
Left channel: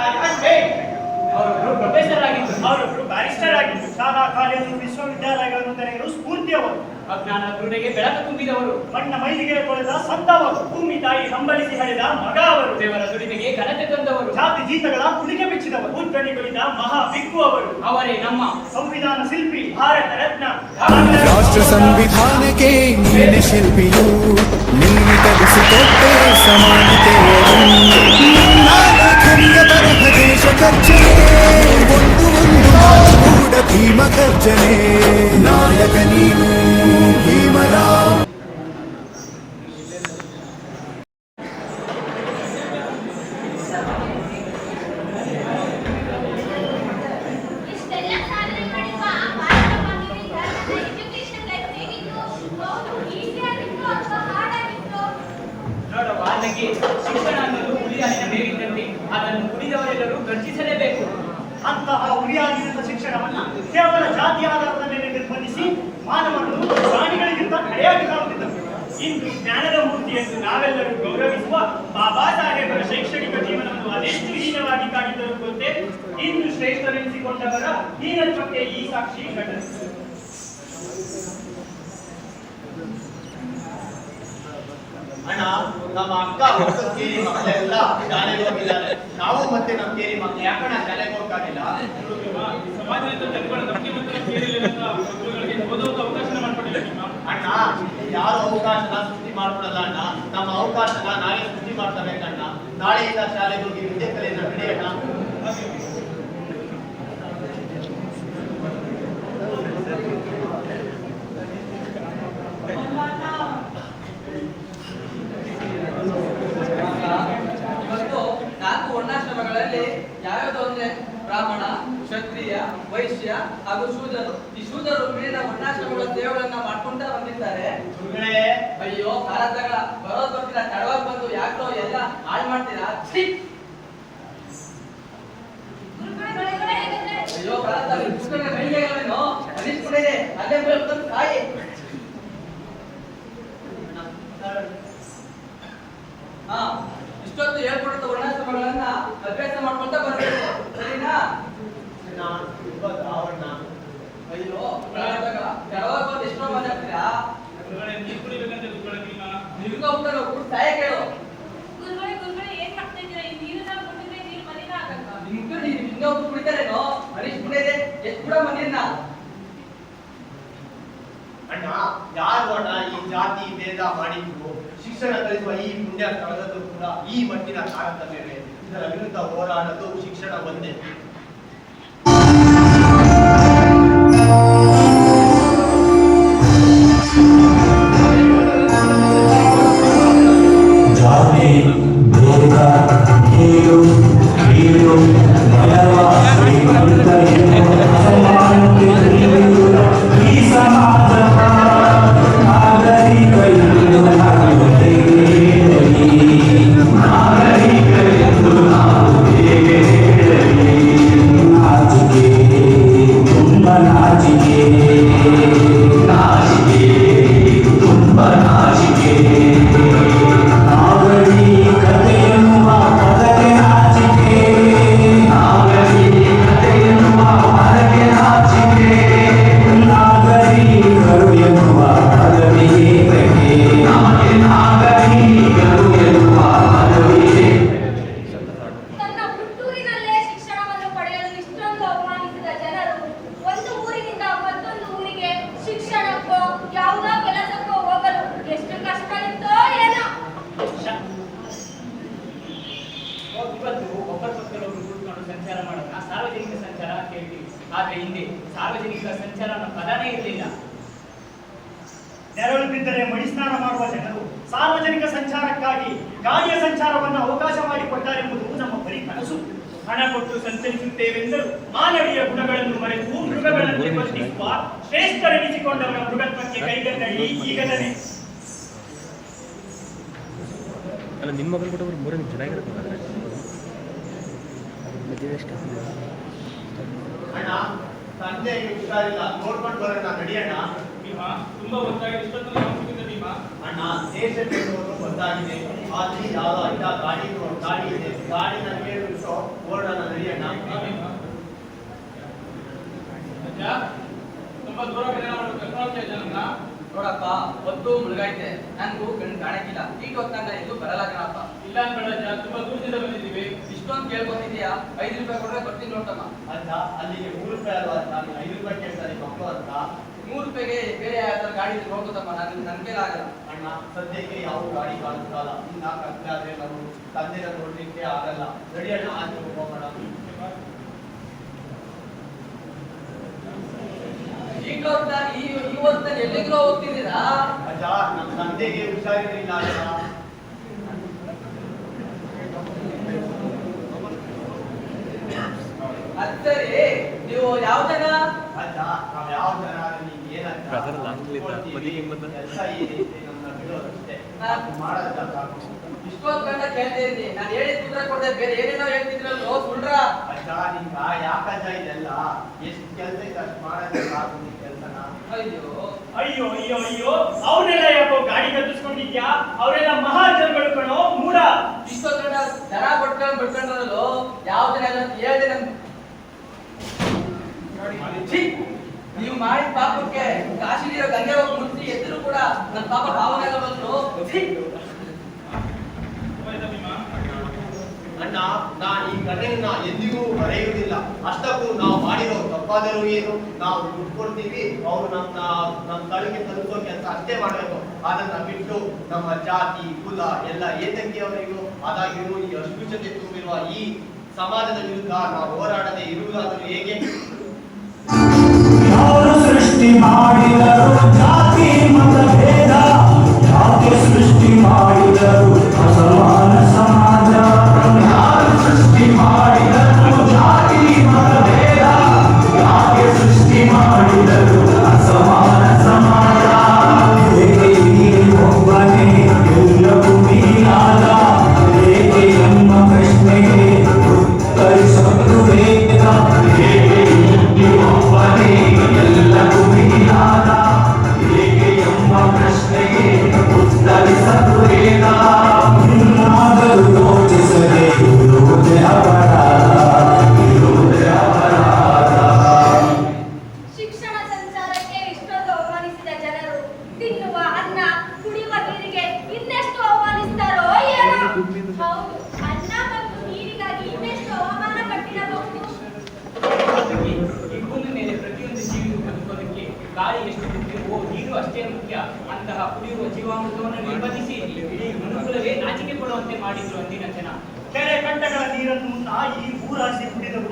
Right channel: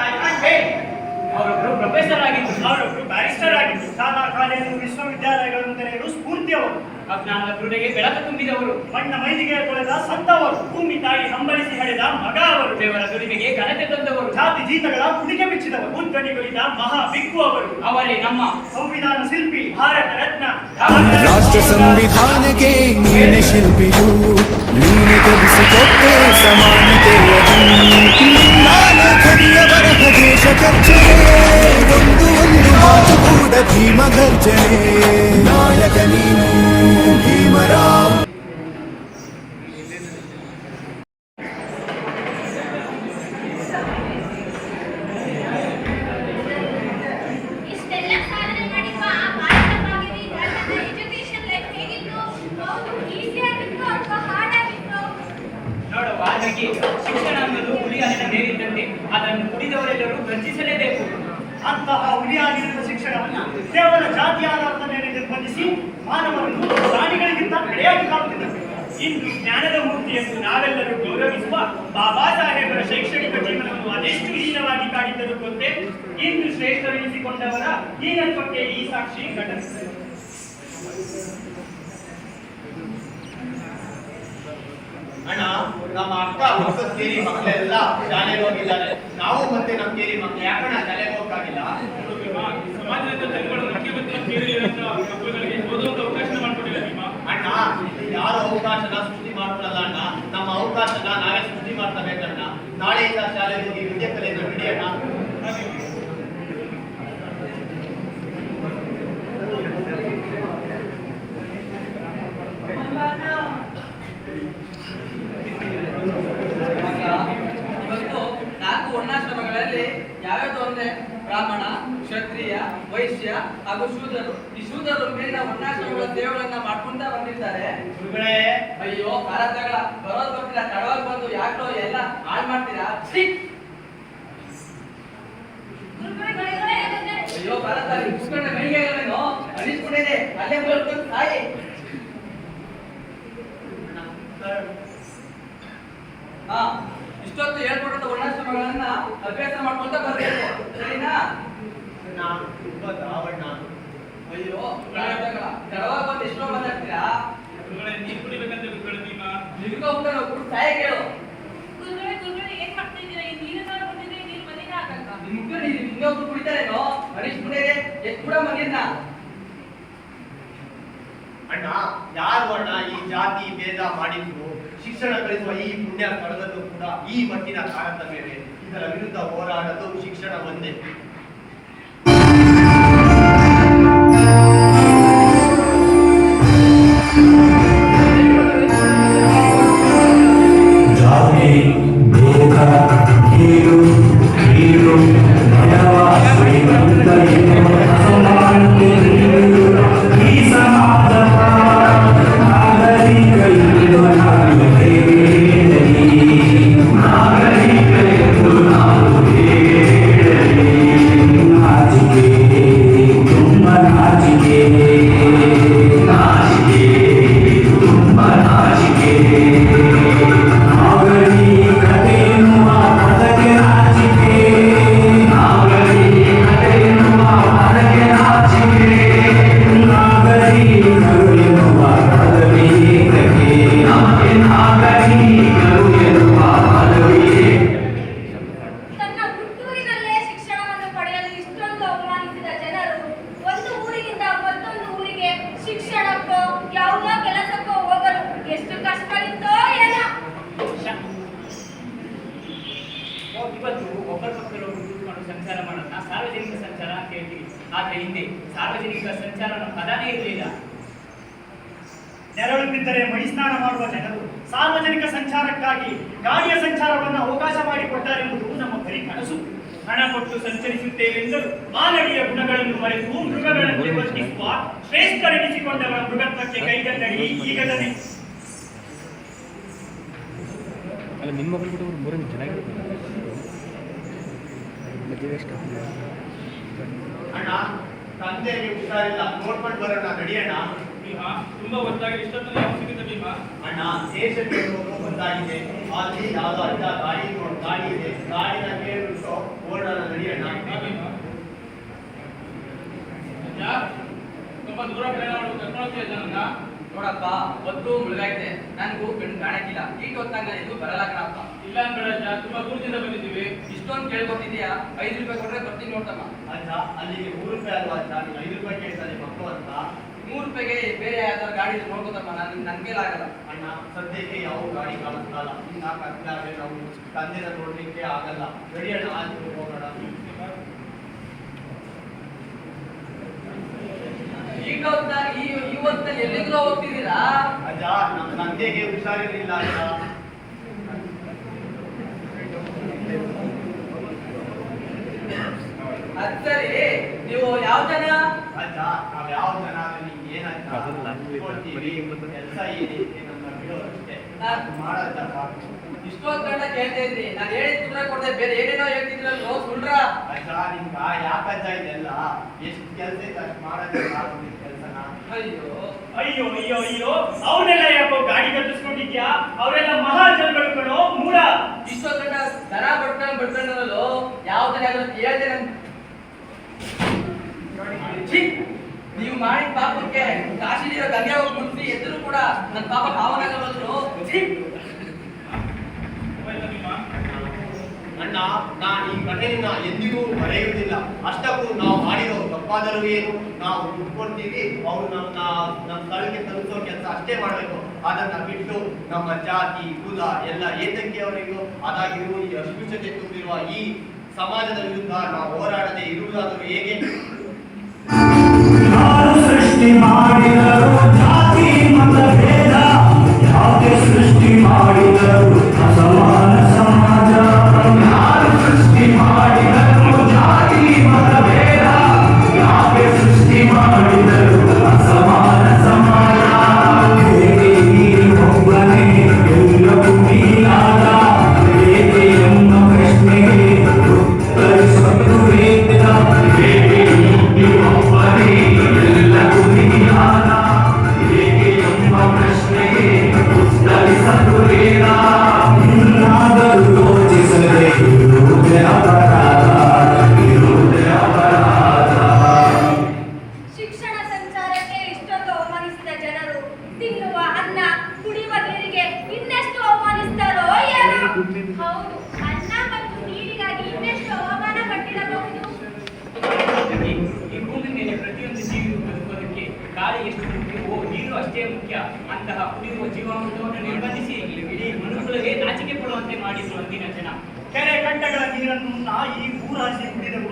ಅವರೊಬ್ರು ಪ್ರೊಫೆಸರ್ ಆಗಿದ್ರು, ಅವರೊಬ್ರು ಬ್ಯಾರಿಸ್ಟರ್ ಆಗಿದ್ರು. ಶಾಲಾ ಕಾಲೇಜು ವಿಶ್ವವಿದ್ಯಾಲಯಗಳನ್ನು ತೆರೆಯಲು ಸ್ಫೂರ್ತಿಯವರು, ಅಜ್ಞಾನದ ಕುರುಡೆಗೆ ಬೆಳಕು ತುಂಬಿದವರು, ಮಣ್ಣ ಮೈಲಿಗೆ ತೊಳೆದ ಸಂತವರು, ಭೂಮಿ ತಾಯಿ ಹಂಬಲಿಸಿ ಹಡೆದ ಮಗ ಅವರು, ದೇವರ ದುಡಿಮೆಗೆ ಘನತೆ ತಂದವರು, ಜಾತಿ ಜೀತಗಳ ಕುಡಿಗೆ ಬಿಚ್ಚಿದವರು, ಉದ್ದಣಿಗಳಿದ ಮಹಾ ಬಿಗ್ಗು ಅವರು. ಅವರೇ ನಮ್ಮ ಸಂವಿಧಾನ ಶಿಲ್ಪಿ, ಭಾರತ ರತ್ನ ರಾಷ್ಟ್ರ ಸಂವಿಧಾನಕ್ಕೆ ನೀನೆ ಶಿಲ್ಪಿಯು, ನೀನೆ ಕಲಿಸಿಕೊಟ್ಟೆ ಸಮಾನತೆಯನ್ನು. ನಿನ್ನ ಲೇಖನಿಯ ಬರಹ ದೇಶ ಖರ್ಚಿಗೆ ಒಂದು ಕೂಡ ಭೀಮ ಗರ್ಜನೆ. ನಾಯಕ ನೀನು ಭೀಮರಾವ್. ಇಷ್ಟೆಲ್ಲ ಸಾಧನೆ ಮಾಡಿರುವ ಆ ಭಾರತ ಭಾಗ್ಯ ವಿಧಾತನ ಎಜುಕೇಶನ್ ಲೈಫ್ ಹೇಗಿತ್ತು? ಹೌದು, ಈಸಿ ಆಗಿತ್ತು ಅಥವಾ ಹಾರ್ಡ್ ಆಗಿತ್ತು? ನೋಡುವ ಅದಕ್ಕೆ ಶಿಕ್ಷಣ ಅನ್ನೋದು ಹುಲಿಯಾಲಿನ ಮೇಲಿದ್ದಂತೆ, ಅದನ್ನು ಕುಡಿದವರೆಲ್ಲರೂ ಗರ್ಜಿಸಲೇಬೇಕು. ಅಂತಹ ಉಳಿಯಾಗಿರುವ ಶಿಕ್ಷಣವನ್ನ ಕೇವಲ ಜಾತಿ ಆಧಾರದ ಮೇಲೆ ನಿರ್ಬಂಧಿಸಿ ಮಾನವರನ್ನು ಪ್ರಾಣಿಗಳಿಗಿಂತ ಕಡೆಯಾಗಿ ಕಾಣುತ್ತಿದ್ದರು. ಇಂದು ಜ್ಞಾನದ ಮೂರ್ತಿ ಎಂದು ನಾವೆಲ್ಲರೂ ಗೌರವಿಸುವ ಬಾಬಾ ಸಾಹೇಬರ ಶೈಕ್ಷಣಿಕ ಜೀವನವನ್ನು ಅದೆಷ್ಟು ಹೀನವಾಗಿ ಕಾಡಿದ್ದರು ಗೊತ್ತೇ? ಇಂದು ಶ್ರೇಷ್ಠರೆನಿಸಿಕೊಂಡವರ ಹೀನತ್ವಕ್ಕೆ ಈ ಸಾಕ್ಷಿ ಘಟನೆ. ಅಣ್ಣ, ನಮ್ಮ ಅಕ್ಕ ಹೊಸದ ಕೇರಿ ಮಕ್ಕಳೆಲ್ಲ ಶಾಲೆಗೆ ಹೋಗಿದ್ದಾರೆ. ನಾವು ಮತ್ತೆ ನಮ್ಮ ಕೇರಿ ಮಕ್ಕಳು ಯಾಕಣ್ಣ ಶಾಲೆಗೆ ಹೋಗಕ್ಕಾಗಿಲ್ಲ? ಸಮಾಜದ ತೆಗೆದುಕೊಳ್ಳೋ ನಂಬಿಕೆ ಮತ್ತು ನಮ್ಮ ಕೇರಿಯಲ್ಲಿರುವಂತಹ ಮಕ್ಕಳುಗಳಿಗೆ ಓದುವಂತ ಅವಕಾಶ ಮಾಡ್ಕೊಟ್ಟಿಲ್ಲ ನಿಮ್ಮ ಅಣ್ಣ, ಇಲ್ಲಿ ಯಾರು ಅವಕಾಶನ ಸೃಷ್ಟಿ ಮಾಡ್ಕೊಡಲ್ಲ ಅಣ್ಣ. ನಮ್ಮ ಅವಕಾಶನ ನಾವೇ ಸೃಷ್ಟಿ ಮಾಡ್ಕೋಬೇಕಣ್ಣ. ನಾಳೆಯಿಂದ ಶಾಲೆಗೆ ಹೋಗಿ ವಿದ್ಯೆ ಕಲಿಯನ್ನು ನಡೆಯೋಣ. ಇವತ್ತು 4 ವರ್ಣಾಶ್ರಮಗಳಲ್ಲಿ ಯಾವ್ಯಾವ್ದು ಅಂದ್ರೆ ಬ್ರಾಹ್ಮಣ, ಕ್ಷತ್ರಿಯ, ವೈಶ್ಯ ಹಾಗೂ ಶೂದ್ರರು. ಈ ಶೂದ್ರರು ಮೇಲಿನ ವರ್ಣಾಶ್ರಮಗಳ ಸೇವೆಗಳನ್ನ ಮಾಡ್ಕೊಂತ ಬಂದಿದ್ದಾರೆ. ಗುರುಗಳೇ, ಅಯ್ಯೋ ಕಾಲದಾಗ ಬರೋದ್ ಗೊತ್ತಿಲ್ಲ, ತಡವಾಗಿ ಬಂದು ಯಾಕೋ ಎಲ್ಲ ಹಾಳು ಮಾಡ್ತೀರಾ? ಛೀ! ಅಯ್ಯೋ ಕಾಲದಾಗ ಕುತ್ಕೊಂಡ ಕೈಗಳೇನು ಅನಿಸ್ಕೊಂಡಿದೆ, ಅಲ್ಲೇ ಬಂದು ತಾಯಿ. ಹಾ, ಇಷ್ಟೊತ್ತು ಹೇಳ್ಕೊಟ್ಟಿದ್ದ ವರ್ಣಾಶ್ರಮಗಳನ್ನ ಅಭ್ಯಾಸ ಮಾಡ್ಕೊಂತ ಬರ್ಬೇಕು, ಸರಿನಾ? ನಾನು ತುಂಬಾ ದ್ರಾವಣ. ಅಯ್ಯೋ ತಡವಾಗಿ ಬಂದು ಎಷ್ಟೋ ಮಾತಾಡ್ತೀರಾ? ನೀರು ಕುಡಿಬೇಕಂತ ಬಿಟ್ಕೊಳ್ತೀಮ. ನಿಮ್ಗೆ ಹೋಗ್ತಾನೆ ಹೋಗ್ಬಿಟ್ಟು ತಾಯ ಕೇಳು. ಗುರುಗಳೇ ಏನ್ ಮಾಡ್ತಾ ಇದ್ದೀರಾ? ಈ ನೀರನ್ನ ಕುಡಿದ್ರೆ ನೀರು ಮಲಿನ ಆಗಲ್ವಾ? ನಿಮ್ಗೆ ನೀವು ಇನ್ನೊಬ್ರು ಕುಡಿತಾರೇನೋ ಅನಿಸ್ಬಿಟ್ಟಿದೆ. ಎಷ್ಟು ಕೂಡ ಮಂದಿರ್ನ ಅಣ್ಣ, ಯಾರು ಅಣ್ಣ ಈ ಜಾತಿ ಭೇದ ಮಾಡಿದ್ರು? ಶಿಕ್ಷಣ ಕಲಿಸುವ ಈ ಪುಣ್ಯ ಸ್ಥಳದಲ್ಲೂ ಕೂಡ ಈ ಮಟ್ಟಿನ ತಾರತಮ್ಯವೇ. ಇದರ ವಿರುದ್ಧ ಹೋರಾಡಲು ಶಿಕ್ಷಣ ಒಂದೇ. ಜಾತಿ ಭೇದ ಕೀಳು ಕೀಳು ಭಯವಾಸಿ ಈ ಸಮಾಜದ ನಾಗರಿಕ ಎಂದು ನಾವು ಹೇಳಲಿ, ನಾಗರಿಕ ಎಂದು ನಾವು ಹೇಳಲಿ. ನಾಚಿಕೆ, ತುಂಬ ನಾಚಿಕೆ, ನಾಚಿಕೆ, ತುಂಬ ನಾಚಿಕೆ. ನಾಗರಿಕತೆ ಎನ್ನುವ ಪದಕ್ಕೆ ನಾಚಿಕೆ, ನಾಗರಿಕತೆ ಎನ್ನುವ ಪದಕ್ಕೆ ನಾಚಿಕೆ. ನಾಗರಿಕರು ಎನ್ನುವ ಪದವಿ ಏತಕ್ಕೆ? ನಮಗೆ ನಾಗರಿಕರು ಎನ್ನುವ ಪದವಿ ಏತಕ್ಕೆ? ತನ್ನ ಹುಟ್ಟೂರಿನಲ್ಲೇ ಶಿಕ್ಷಣವನ್ನು ಪಡೆಯಲು ಇಷ್ಟೊಂದು ಅವಮಾನಿಸಿದ ಜನರು ಒಂದು ಊರಿನಿಂದ ಮತ್ತೊಂದು ಊರಿಗೆ ಶಿಕ್ಷಣಕ್ಕೋ ಯಾವುದೋ ಕೆಲಸಕ್ಕೋ ಹೋಗಲು ಎಷ್ಟು ಕಷ್ಟ ಇತ್ತೋ ಏನೋ. ಇವತ್ತು ಒಬ್ಬರ ಪಕ್ಕದೊಬ್ಬರು ಕೂತ್ಕೊಂಡು ಸಂಚಾರ ಮಾಡೋದನ್ನ ಸಾರ್ವಜನಿಕ ಸಂಚಾರ ಅಂತ ಹೇಳ್ತೀವಿ. ಆದ್ರೆ ಹಿಂದೆ ಸಾರ್ವಜನಿಕ ಸಂಚಾರ ಅನ್ನೋ ಪದನೇ ಇರಲಿಲ್ಲ. ನೆರಳು ಬಿದ್ದರೆ ಮಡಿ ಸ್ನಾನ ಮಾಡುವ ಜನರು ಸಾರ್ವಜನಿಕ ಸಂಚಾರಕ್ಕಾಗಿ ಗಾಡಿಯ ಸಂಚಾರವನ್ನು ಅವಕಾಶ ಮಾಡಿಕೊಟ್ಟಾರೆಂಬುದು ನಮ್ಮ ಬರೀ ಕನಸು. ಹಣ ಕೊಟ್ಟು ಸಂಚರಿಸುತ್ತೇವೆಂದರು ಮಾನವೀಯ ಗುಣಗಳನ್ನು ಮರೆತು ಮೃಗಗಳಂತೆ ವರ್ತಿಸುವ ಶ್ರೇಷ್ಠರೆನಿಸಿಕೊಂಡವರ ಮೃಗತ್ವಕ್ಕೆ ಕೈಗನ್ನಡಿ ಈಗ ತಾನೆ. ಅಲ್ಲ ನಿಮ್ಮ ಬಂದ್ಬಿಟ್ಟು ಮೂರೇ ಚೆನ್ನಾಗಿರುತ್ತೆ. ಅಣ್ಣ, ತಂದೆಗೆ ಹುಷಾರಿಲ್ಲ, ನೋಡ್ಕೊಂಡು ಬರೋಣ, ನಡಿಯೋಣ. ಭೀಮಾ, ತುಂಬಾ ಗೊತ್ತಾಗಿ ಇಷ್ಟೊತ್ತಲ್ಲಿ ಯಾವ ಸಿಗುತ್ತೆ ಭೀಮಾ? ಅಣ್ಣ, ದೇಶಕ್ಕೆ ಹೋಗೋದು ಒಂದಾಗಿದೆ. ಅಲ್ಲಿ ಯಾವ ಅಡ್ಡ ಗಾಡಿ ಇದೆ, ಗಾಡಿನ ಕೇಳಿಬಿಟ್ಟು ಓಡೋಣ, ನಡಿಯೋಣ. ಅಜ್ಜ, ತುಂಬಾ ದೂರ ಪ್ರಯಾಣ ಮಾಡೋದು ಕರ್ಕೊಂಡು ಹೋಗ್ತಾ ನೋಡಪ್ಪ, ಹೊತ್ತು ಮುಳುಗೈತೆ, ನನ್ಗೂ ಕಣ್ಣು ಕಾಣಕ್ಕಿಲ್ಲ. ಈಗ ಹೊತ್ತಾಗ ಎಲ್ಲೂ ಬರಲ್ಲ ಕಣಪ್ಪ. ಇಲ್ಲ ಅನ್ಬೇಡಜ್ಜ, ತುಂಬಾ ದೂರದಿಂದ ಬಂದಿದ್ದೀವಿ. ಇಷ್ಟೊಂದು ಕೇಳ್ಕೊತಿದ್ಯಾ? 5 ರೂಪಾಯಿ ಕೊಟ್ರೆ ಬರ್ತೀನಿ ನೋಡ್ತಮ್ಮ. ಅಲ್ಲ, ಅಲ್ಲಿಗೆ 3 ರೂಪಾಯಿ ಅಲ್ವಾ ಅಲ್ಲ, 5 ರೂಪಾಯಿ ಕೇಳ್ತಾರೆ ಮಕ್ಕಳು ಅಂತ. 3 ರೂಪಾಯಿಗೆ ಬೇರೆ ಯಾವ್ದಾದ್ರು ಗಾಡಿ ನೋಡ್ಕೋತಮ್ಮ, ನನ್ ಕೈಲಾಗಲ್ಲ. ಅಣ್ಣ, ಸದ್ಯಕ್ಕೆ ಯಾವ ಗಾಡಿ ಕಾಣಿಸ್ತಲ್ಲ. ಇನ್ನ ಕತ್ಲಾದ್ರೆ ನಾವು ತಂದೆನ ನೋಡ್ಲಿಕ್ಕೆ ಆಗಲ್ಲ. ನಡಿಯೋಣ, ಆಚೆ ಹೋಗೋಣ. ಈಗ ಈ ಹೊತ್ತಲ್ಲಿ ಎಲ್ಲಿಗೂ ಹೋಗ್ತಿದ್ದೀರಾ? ಅಜ್ಜ, ನಮ್ಮ ತಂದೆಗೆ ಹುಷಾರಿರಲಿಲ್ಲ ಅಜ್ಜ. ಅದ್ ಸರಿ, ನೀವು ಯಾವ ಜನ? ಅಜ್ಜ, ನಾವ್ ಯಾವ ಜನ ಆದ್ರೆ ನಿಮ್ಗೆ ಏನಂತ ಕೆಲಸ ಏನೈತೆ ನಮ್ಮನ್ನ ಬಿಡೋದಷ್ಟೇ. ಮಾಡೋದ ಸಾಕು. ಇಷ್ಟೊಂದು ಗಂಟ ಕೇಳ್ತಾ ಇದ್ರಿ, ನಾನು ಹೇಳಿದ ಕುದುರೆ ಕೊಡದೆ ಬೇರೆ ಏನೇನೋ ಹೇಳ್ತಿದ್ರಲ್ಲೋ ಸುಳ್ರ. ಅಜ್ಜ, ನಿಮ್ಗ ಯಾಕಜ್ಜ ಇದೆಲ್ಲ? ಎಷ್ಟು ಕೆಲಸ ಇದೆ ಅಷ್ಟು ಮಾಡೋದ ಸಾಕು ನಿಮ್ ಕೆಲ್ಸನ. ಅಯ್ಯೋ ಅಯ್ಯೋ ಅಯ್ಯೋ ಅಯ್ಯೋ, ಅವನ್ನೆಲ್ಲ ಯಾಕೋ ಗಾಡಿ ಕಟ್ಟಿಸ್ಕೊಂಡಿದ್ಯಾ? ಅವರೆಲ್ಲ ಮಹಾಜನಗಳು ಕಣೋ, ಮೂಡ. ಇಷ್ಟೊಂದು ಗಂಟ ದರ ಬಡ್ಕೊಂಡ್ರಲ್ಲೋ, ಯಾವ್ದನ್ನ ಹೇಳ್ದೆ ನನ್. ಛೀ! ನೀವು ಮಾಡಿದ ಪಾಪಕ್ಕೆ ಕಾಶಿಲಿರೋ ಗಂಗೆ ಹೋಗಿ ಮುಟ್ಟಿ ಎದ್ರು ಕೂಡ ನನ್ನ ಪಾಪ ಭಾವನೆ ಬಂದ್ರು. ಅಣ್ಣ, ಅಣ್ಣ, ನಾನು ಈ ಘಟನೆಯನ್ನ ಎಂದಿಗೂ ಮರೆಯುವುದಿಲ್ಲ. ಅಷ್ಟಕ್ಕೂ ನಾವು ಮಾಡಿರೋ ತಪ್ಪಾದರೂ ಏನು, ನಾವು ದುಡ್ಡು ಕೊಡ್ತೀವಿ, ಅವರು ನಮ್ಮ ಸ್ಥಳಕ್ಕೆ ತಲುಪೋ ಕೆಲಸ ಅಷ್ಟೇ ಮಾಡಬೇಕು. ಅದನ್ನ ಬಿಟ್ಟು ನಮ್ಮ ಜಾತಿ ಕುಲ ಎಲ್ಲ ಏತಂಗಿಯವರಿಗೂ ಅದಾಗಿರುವ ಈ ಅಸ್ಪೃಶ್ಯತೆ ತುಂಬಿರುವ ಈ ಸಮಾಜದ ವಿರುದ್ಧ ನಾವು ಹೋರಾಡದೆ ಇರುವುದಾದರೂ ಹೇಗೆ? ಯಾರು ಸೃಷ್ಟಿ ಮಾಡಿದರು ಜಾತಿ ಮತ ಭೇದ, ಯಾಕೆ ಸೃಷ್ಟಿ ಮಾಡಿದರು ಅಸಮಾನ ಸಮಾಜ? ಯಾರು ಸೃಷ್ಟಿ ಮಾಡಿದರು ಜಾತಿ ಮತ ಭೇದ, ಯಾಕೆ ಸೃಷ್ಟಿ ಮಾಡಿದರು ಅಸಮಾನ ಸಮಾಜ? ಹೇಗೆ ಒಬ್ಬನೇ ಎಲ್ಲವೂ ನೀನಾದ, ಹೇಗೆ ನಮ್ಮ ಪ್ರಶ್ನೆಗೆ ಉತ್ತರಿಸಲು ವೇದ? ಹೇಗೆ ಒಬ್ಬನೇ ಎಲ್ಲವೂ ನೀನಾದ, ಹೇಗೆ ಎಂಬ ಪ್ರಶ್ನೆಗೆ ಉತ್ತರಿಸಲು ವೇದ? ಇನ್ನಾದರೂ ಯೋಚಿಸದೆ ಇರುವುದೇ ಅಪರಾಧ, ಇರುವುದೇ ಅಪರಾಧ. ಶಿಕ್ಷಣ ಸಂಚಾರಕ್ಕೆ ಇಷ್ಟೊಂದು ಅವಮಾನಿಸಿದ ಜನರು ತಿನ್ನುವ ಅನ್ನ ಕುಡಿಯುವ ನೀರಿಗೆ ಇನ್ನೆಷ್ಟು ಅವಮಾನಿಸ್ತಾರೋ ಏನೋ. ಹೌದು, ಅನ್ನ ಮತ್ತು ನೀರಿಗಾಗಿ ಇನ್ನೆಷ್ಟು ಅವಮಾನ ಪಟ್ಟಿರಬಹುದು. ಈ ಭೂಮಿ ಮೇಲೆ ಪ್ರತಿಯೊಂದು ಜೀವಿಯು ಬದುಕೋದಕ್ಕೆ ಗಾಳಿ ಎಷ್ಟು ಮುಖ್ಯವೋ ನೀರು ಅಷ್ಟೇ ಮುಖ್ಯ. ಅಂತಹ ಕುಡಿಯುವ ಜೀವಾಮೃತವನ್ನು ನಿರ್ಬಂಧಿಸಿ ಇಡೀ ಮನುಕುಲವೇ ನಾಚಿಕೆ ಪಡುವಂತೆ ಮಾಡಿದ್ರು ಅಂದಿನ ಜನ. ಕೆರೆ ಕಟ್ಟೆಗಳ ನೀರನ್ನು ಈ ಭೂರಾಶಿ ಕುಡಿದರು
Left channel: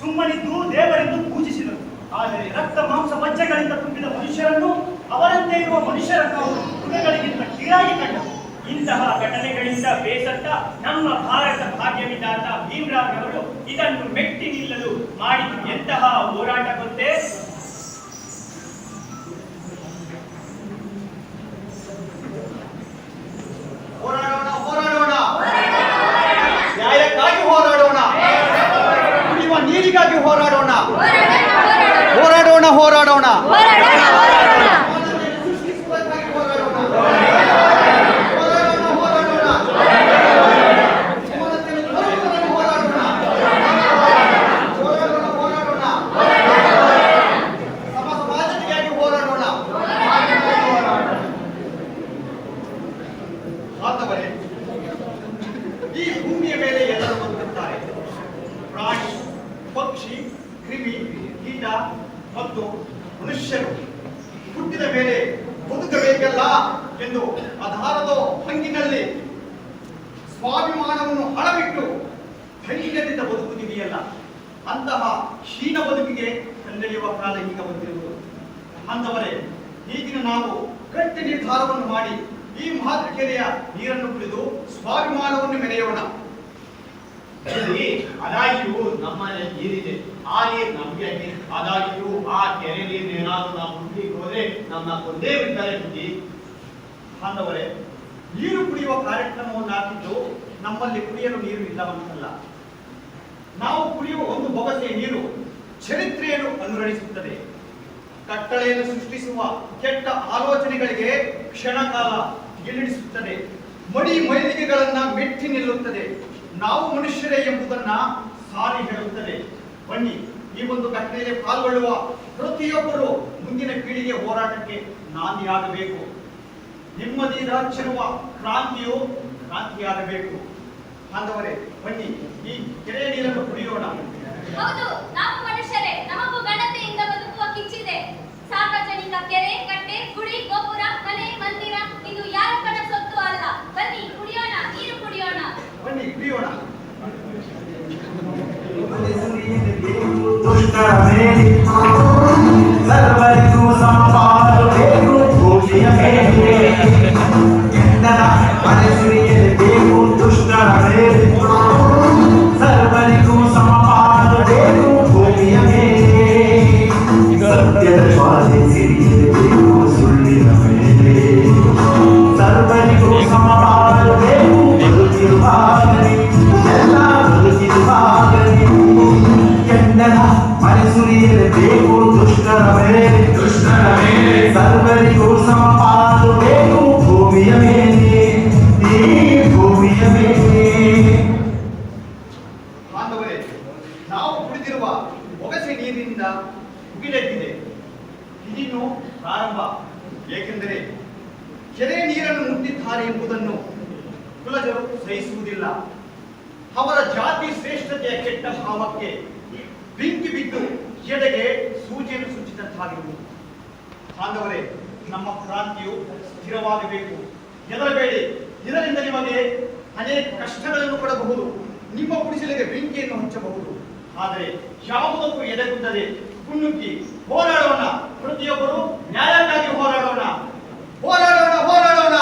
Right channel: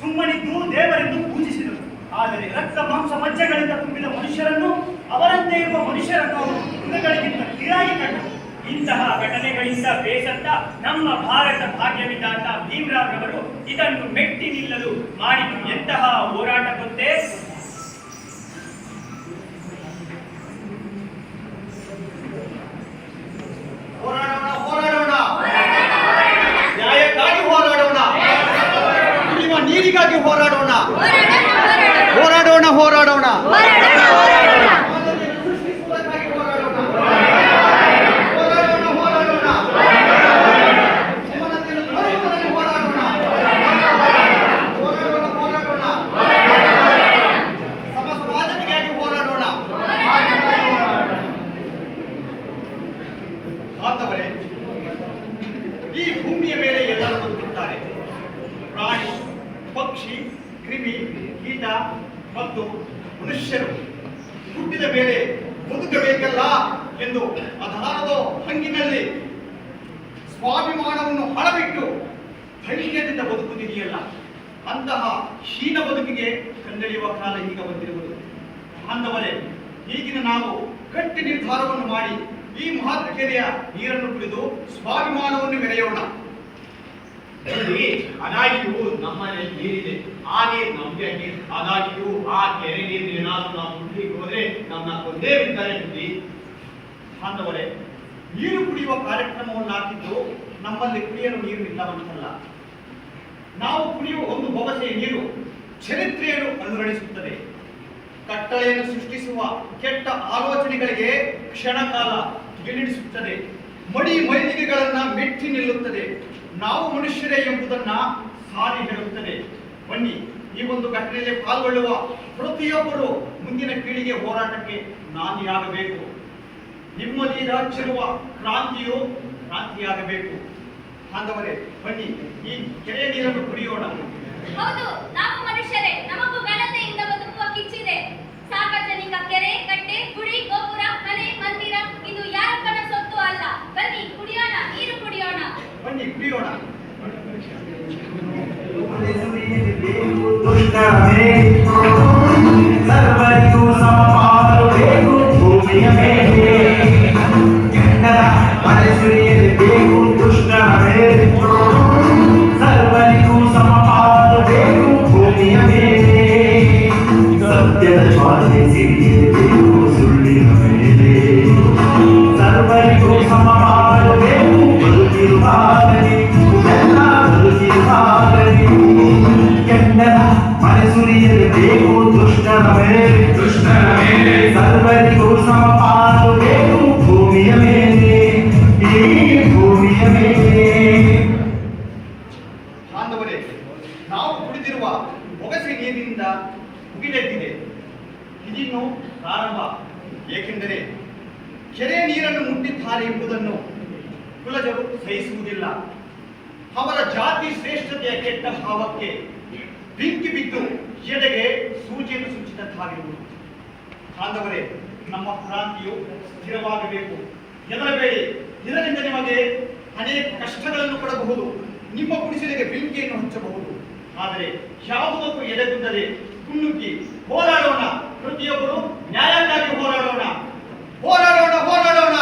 ಸುಮ್ಮನಿದ್ದು ದೇವರೆಂದು ಪೂಜಿಸಿದರು. ಆದರೆ ರಕ್ತ ಮಾಂಸ ಮಜ್ಜೆಗಳಿಂದ ತುಂಬಿದ ಮನುಷ್ಯರನ್ನು, ಅವರಂತೆ ಇರುವ ಮನುಷ್ಯರನ್ನು ಅವರು ಮೃಗಗಳಿಗಿಂತ ಕೀಳಾಗಿ ಕಂಡರು. ಇಂತಹ ಘಟನೆಗಳಿಂದ ಬೇಸತ್ತ ನಮ್ಮ ಭಾರತ ಭಾಗ್ಯವಿದಾತ ಭೀಮರಾವ್ ರವರು ಇದನ್ನು ಮೆಟ್ಟಿ ನಿಲ್ಲಲು ಮಾಡಿದ್ದು ಎಂತಹ ಹೋರಾಟ ಗೊತ್ತೇ? ಹೋರಾಡೋಣ, ನ್ಯಾಯಕ್ಕಾಗಿ ಹೋರಾಡೋಣ, ಕುಡಿಯುವ ನೀರಿಗಾಗಿ ಹೋರಾಡೋಣ, ಹೋರಾಡೋಣ ಹೋರಾಡೋಣ. ಈ ಭೂಮಿಯ ಮೇಲೆ ಎಲ್ಲರೂ ಬದುಕುತ್ತಾರೆ. ಪ್ರಾಣಿ, ಪಕ್ಷಿ, ಕ್ರಿಮಿ, ಕೀಟ ಮತ್ತು ಮನುಷ್ಯರು ಹುಟ್ಟಿದ ಮೇಲೆ ಬದುಕಬೇಕಲ್ಲ ಎಂದು ಆಧಾರದ ಹಂಗಿನಲ್ಲಿ ಸ್ವಾಭಿಮಾನವನ್ನು ಹಳಬಿಟ್ಟು ಧೈರ್ಯದಿಂದ ಬದುಕುತ್ತಿದೆಯಲ್ಲ, ಅಂತಹ ಹೀನ ಬದುಕಿಗೆ ಕಂದೆಳೆಯುವ ಕಾಲ ಈಗ ಬಂದಿರುವುದು. ಬಾಂಧವರೇ, ಈಗಿನ ನಾವು ಗಟ್ಟಿ ನಿರ್ಧಾರವನ್ನು ಮಾಡಿ ಈ ಮಹತ್ ಕೆರೆಯ ನೀರನ್ನು ಕುಡಿದು ಸ್ವಾಭಿಮಾನವನ್ನು ಮೆರೆಯೋಣ. ಅದಾಗಿಯೂ ನಮ್ಮನೆ ನೀರಿದೆ, ಆ ನೀರು ನಮ್ಗೆ ನೀರು. ಅದಾಗಿಯೂ ಆ ಕೆರೆ ನೀರು ಏನಾದ್ರು ನಾವು ಕುಡ್ಲಿಕ್ಕೆ ಹೋದ್ರೆ ನಮ್ಮನ್ನ ಕೊಂದೇ ಬಿಡ್ತಾರೆ ಬುದ್ಧಿ. ಬಾಂಧವರೇ, ನೀರು ಕುಡಿಯುವ ಕಾರ್ಯಕ್ರಮವನ್ನು ಹಾಕಿದ್ದು ನಮ್ಮಲ್ಲಿ ಕುಡಿಯಲು ನೀರು ಇಲ್ಲವಂತಲ್ಲ. ನಾವು ಕುಡಿಯುವ ಒಂದು ಬೊಗಸೆ ನೀರು ಚರಿತ್ರೆಯನ್ನು ಅನುರಣಿಸುತ್ತದೆ. ಕಟ್ಟಳೆಯನ್ನು ಸೃಷ್ಟಿಸುವ ಕೆಟ್ಟ ಆಲೋಚನೆಗಳಿಗೆ ಕ್ಷಣಕಾಲ ಗೆಲ್ಲಿಡಿಸುತ್ತದೆ. ಮಡಿ ಮೈಲಿಗೆಗಳನ್ನ ಮೆಟ್ಟಿ ನಿಲ್ಲುತ್ತದೆ. ನಾವು ಮನುಷ್ಯರೇ ಎಂಬುದನ್ನ ಸಾರಿ ಹೇಳುತ್ತದೆ. ಬನ್ನಿ, ಈ ಒಂದು ಘಟನೆಯಲ್ಲಿ ಪಾಲ್ಗೊಳ್ಳುವ ಪ್ರತಿಯೊಬ್ಬರು ಮುಂದಿನ ಪೀಳಿಗೆ ಹೋರಾಟಕ್ಕೆ ನಾಂದಿಯಾಗಬೇಕು. ನೆಮ್ಮದಿ ಹಚ್ಚಿರುವ ಕ್ರಾಂತಿಯಾಗಬೇಕು. ಬಾಂಧವರೇ, ಬನ್ನಿ, ಈ ಕೆರೆಯ ನೀರನ್ನು ಕುಡಿಯೋಣ. ಹೌದು, ನಾವು ಮನುಷ್ಯರೇ, ನಮಗೂ ಘನತೆಯಿಂದ ಬದುಕುವ ಕಿಚ್ಚಿದೆ. ಸಾರ್ವಜನಿಕ ಕೆರೆ, ಕಟ್ಟೆ, ಗುಡಿ, ಗೋಪುರ, ಮನೆ, ಮಂದಿರ ಇದು ಯಾರಪ್ಪನ ಸೊತ್ತು ಅಲ್ಲ. ಬನ್ನಿ ಕುಡಿಯೋಣ, ನೀರು ಕುಡಿಯೋಣ. ಬನ್ನಿ ಕುಡಿಯೋಣ. ಸರ್ವರಿಗೂ ಸಮಪಾಲಬೇಕು ಭೂಮಿಯ ಮೇಲೆ, ಸುರಿಯಬೇಕು ದುಷ್ಟರ ಮೇಲೆ. ಸರ್ವರಿಗೂ ಸಮಪಾಲಬೇಕು ಭೂಮಿಯ ಮೇಲೆ, ಸತ್ಯದ ಸ್ವಾಧೀನ ಸಿರಿಯಬೇಕು ಸುಳ್ಳಿನ ಮೇಲೆ. ಸರ್ವರಿಗೂ ಸಮಪಾಲಬೇಕು ಬದುಕಿರುವಾಗಲಿ, ಎಲ್ಲ ಬದುಕಿರುವಾಗಲಿ. ಕೆಂಡದ ಮನೆ ಸುರಿಯಬೇಕು ದುಷ್ಟರ ಮೇಲೆ, ಸರ್ವರಿಗೂ ಸಮಪಾಲು ಬೇಕು ಭೂಮಿಯ ಮೇಲೆ, ಈ ಭೂಮಿಯ ಮೇಲೆ. ಬಾಂಧವರೇ, ನಾವು ಕುಡಿದಿರುವ ಒಗಸೆ ನೀರಿನಿಂದ ಮುಗಿಲೆದ್ದಿದೆ. ಇದಿನ್ನು ಪ್ರಾರಂಭ. ಏಕೆಂದರೆ ಕೆರೆ ನೀರನ್ನು ಮುಟ್ಟಿದ್ದಾರೆ ಎಂಬುದನ್ನು ಕುಲಜರು ಸಹಿಸುವುದಿಲ್ಲ. ಅವರ ಜಾತಿ ಶ್ರೇಷ್ಠತೆಯ ಕೆಟ್ಟ ಭಾವಕ್ಕೆ ಬೆಂಕಿ ಬಿದ್ದು ಎದೆಗೆ ಸೂಜಿಯನ್ನು ಸುಚ್ಚಿದಂತಾಗಿರುವುದು. ಬಾಂಧವರೇ, ನಮ್ಮ ಕ್ರಾಂತಿಯು ಸ್ಥಿರವಾಗಬೇಕು. ಹೆದರಬೇಡಿ, ಇದರಿಂದ ನಿಮಗೆ ಅನೇಕ ಕಷ್ಟಗಳನ್ನು ಕೊಡಬಹುದು, ನಿಮ್ಮ ಗುಡಿಸಲಿಗೆ ಬೆಂಕಿಯನ್ನು ಹಚ್ಚಬಹುದು. ಆದರೆ ಯಾವುದಕ್ಕೂ ಎದೆಗುಂದದೆ ಮುನ್ನುಗ್ಗಿ ಹೋರಾಡೋಣ. ಪ್ರತಿಯೊಬ್ಬರು ನ್ಯಾಯಕ್ಕಾಗಿ ಹೋರಾಡೋಣ, ಹೋರಾಡೋಣ, ಹೋರಾಡೋಣ.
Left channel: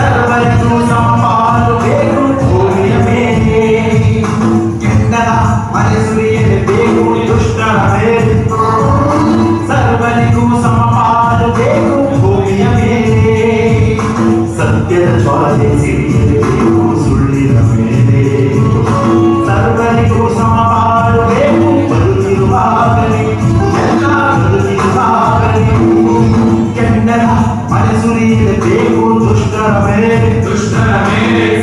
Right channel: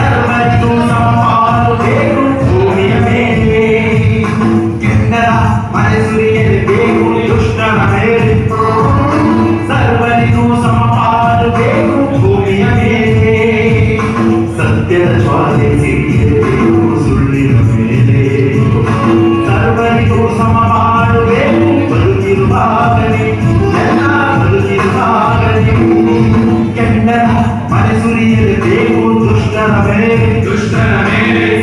ಸರ್ವರಿಗೂ ಸಮಪಾಲು ಬೇಕು ಭೂಮಿಯ ಮೇಲೆ. ಕೆಂಡದ ಮಳೆ ಸುರಿಯಲೇಬೇಕು ದುಷ್ಟರ ಮೇಲೆ. ಸರ್ವರಿಗೂ ಸಮಪಾಲು ಬೇಕು ಭೂಮಿಯ ಮೇಲೆ. ಸತ್ಯದ ಜ್ವಾಲೆ ಸಿಡಿಯಲೇಬೇಕು ಸುಳ್ಳಿನ ಮೇಲೆ. ಸರ್ವರಿಗೂ ಸಮಪಾಲು ಬೇಕು ಬದುಕಿರುವಾಗಲೇ, ಎಲ್ಲ ಬದುಕಿರುವಾಗಲೇ. ಕೆಂಡದ ಮಳೆ ಸುರಿಯಲೇಬೇಕು ದುಷ್ಟರ ಮೇಲೆ.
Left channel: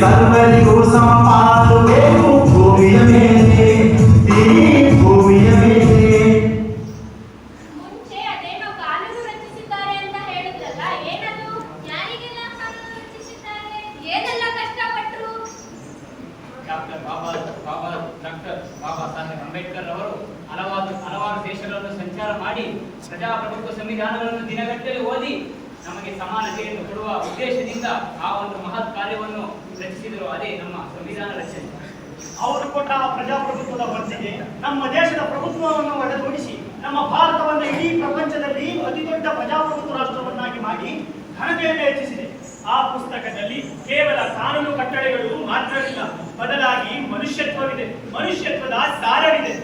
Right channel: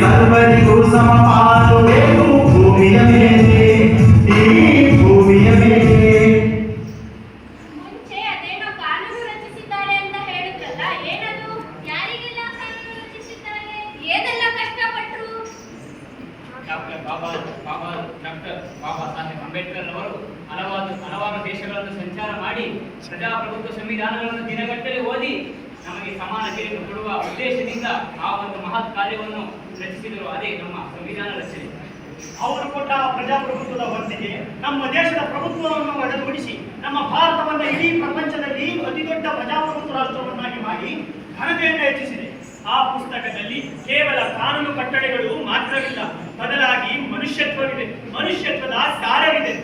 ಸರ್ವರಿಗೂ ಸಮಪಾಲು ಬೇಕು ಭೂಮಿಯ ಮೇಲೆ, ಈ ಭೂಮಿಯ ಮೇಲೆ. ಮುಂಚೆ ಅದೇನೋ ಕಾನೂನು ರಚಿಸಿದ್ದಾರೆ ಅಂತ ಹೇಳಿದ್ರಲ್ಲ, ಏನದು? ಯಾರಿಗೆಲ್ಲ ಕಾನೂನು ರಚಿಸಿದ್ದಾರೆ? ಏನೆಲ್ಲ ಕಷ್ಟಪಟ್ರು? ಡಾಕ್ಟರ್ ಬಾಬಾ ಸಾಹೇಬ್ ಅಂಬೇಡ್ಕರ್ ಅವರು ಹಲವಾರು ದೇಶಗಳನ್ನು ಸಂಚಾರ ಮಾಡಿ ಪ್ರಜಾಪ್ರಭುತ್ವ ಸಂವಿಧಾನಗಳನ್ನು ದಿನಗಟ್ಟಲೆ ಓದಿ ನಮಗೆ ಸಮಾನತೆಯನ್ನು ಕೊಡುವ ಉದ್ದೇಶದಿಂದ ಆ ಒಂದು ಮಹತ್ ಕಾರ್ಯವನ್ನು ರಚಿಸಿದರು. ಅದೇ ನಮ್ಮ ಸಂವಿಧಾನ ರಚನೆ. ಅವರು ಕೊಟ್ಟ ಪ್ರಜಾಪ್ರಭುತ್ವದ ಹೊತ್ತಿಗೆ ನಮ್ಮ ದೇಶದ ಪ್ರಭುತ್ವವನ್ನು ಒಡೆದೊಡಿಸಿ ನಮ್ಮ ಭಾರತವನ್ನು ಇಡೀ ಪ್ರಪಂಚದಲ್ಲಿ ಅತಿದೊಡ್ಡ ಪ್ರಜಾಪ್ರಭುತ್ವ ರಾಷ್ಟ್ರವನ್ನಾಗಿ ಮಾಡಿ ಘನತೆಯನ್ನು ಹೆಚ್ಚಿಸಿದೆ. ಆ ಪುಸ್ತಕದಲ್ಲಿ ಕೇವಲ ಕಾನೂನು ಕಟ್ಟಳೆಗಳು ಮಾತ್ರವಿಲ್ಲ, ಬದಲಾಗಿ ಮನುಷ್ಯತ್ವವಿದೆ, ಮನುಷ್ಯತ್ವದ ಸಾರವಿದೆ.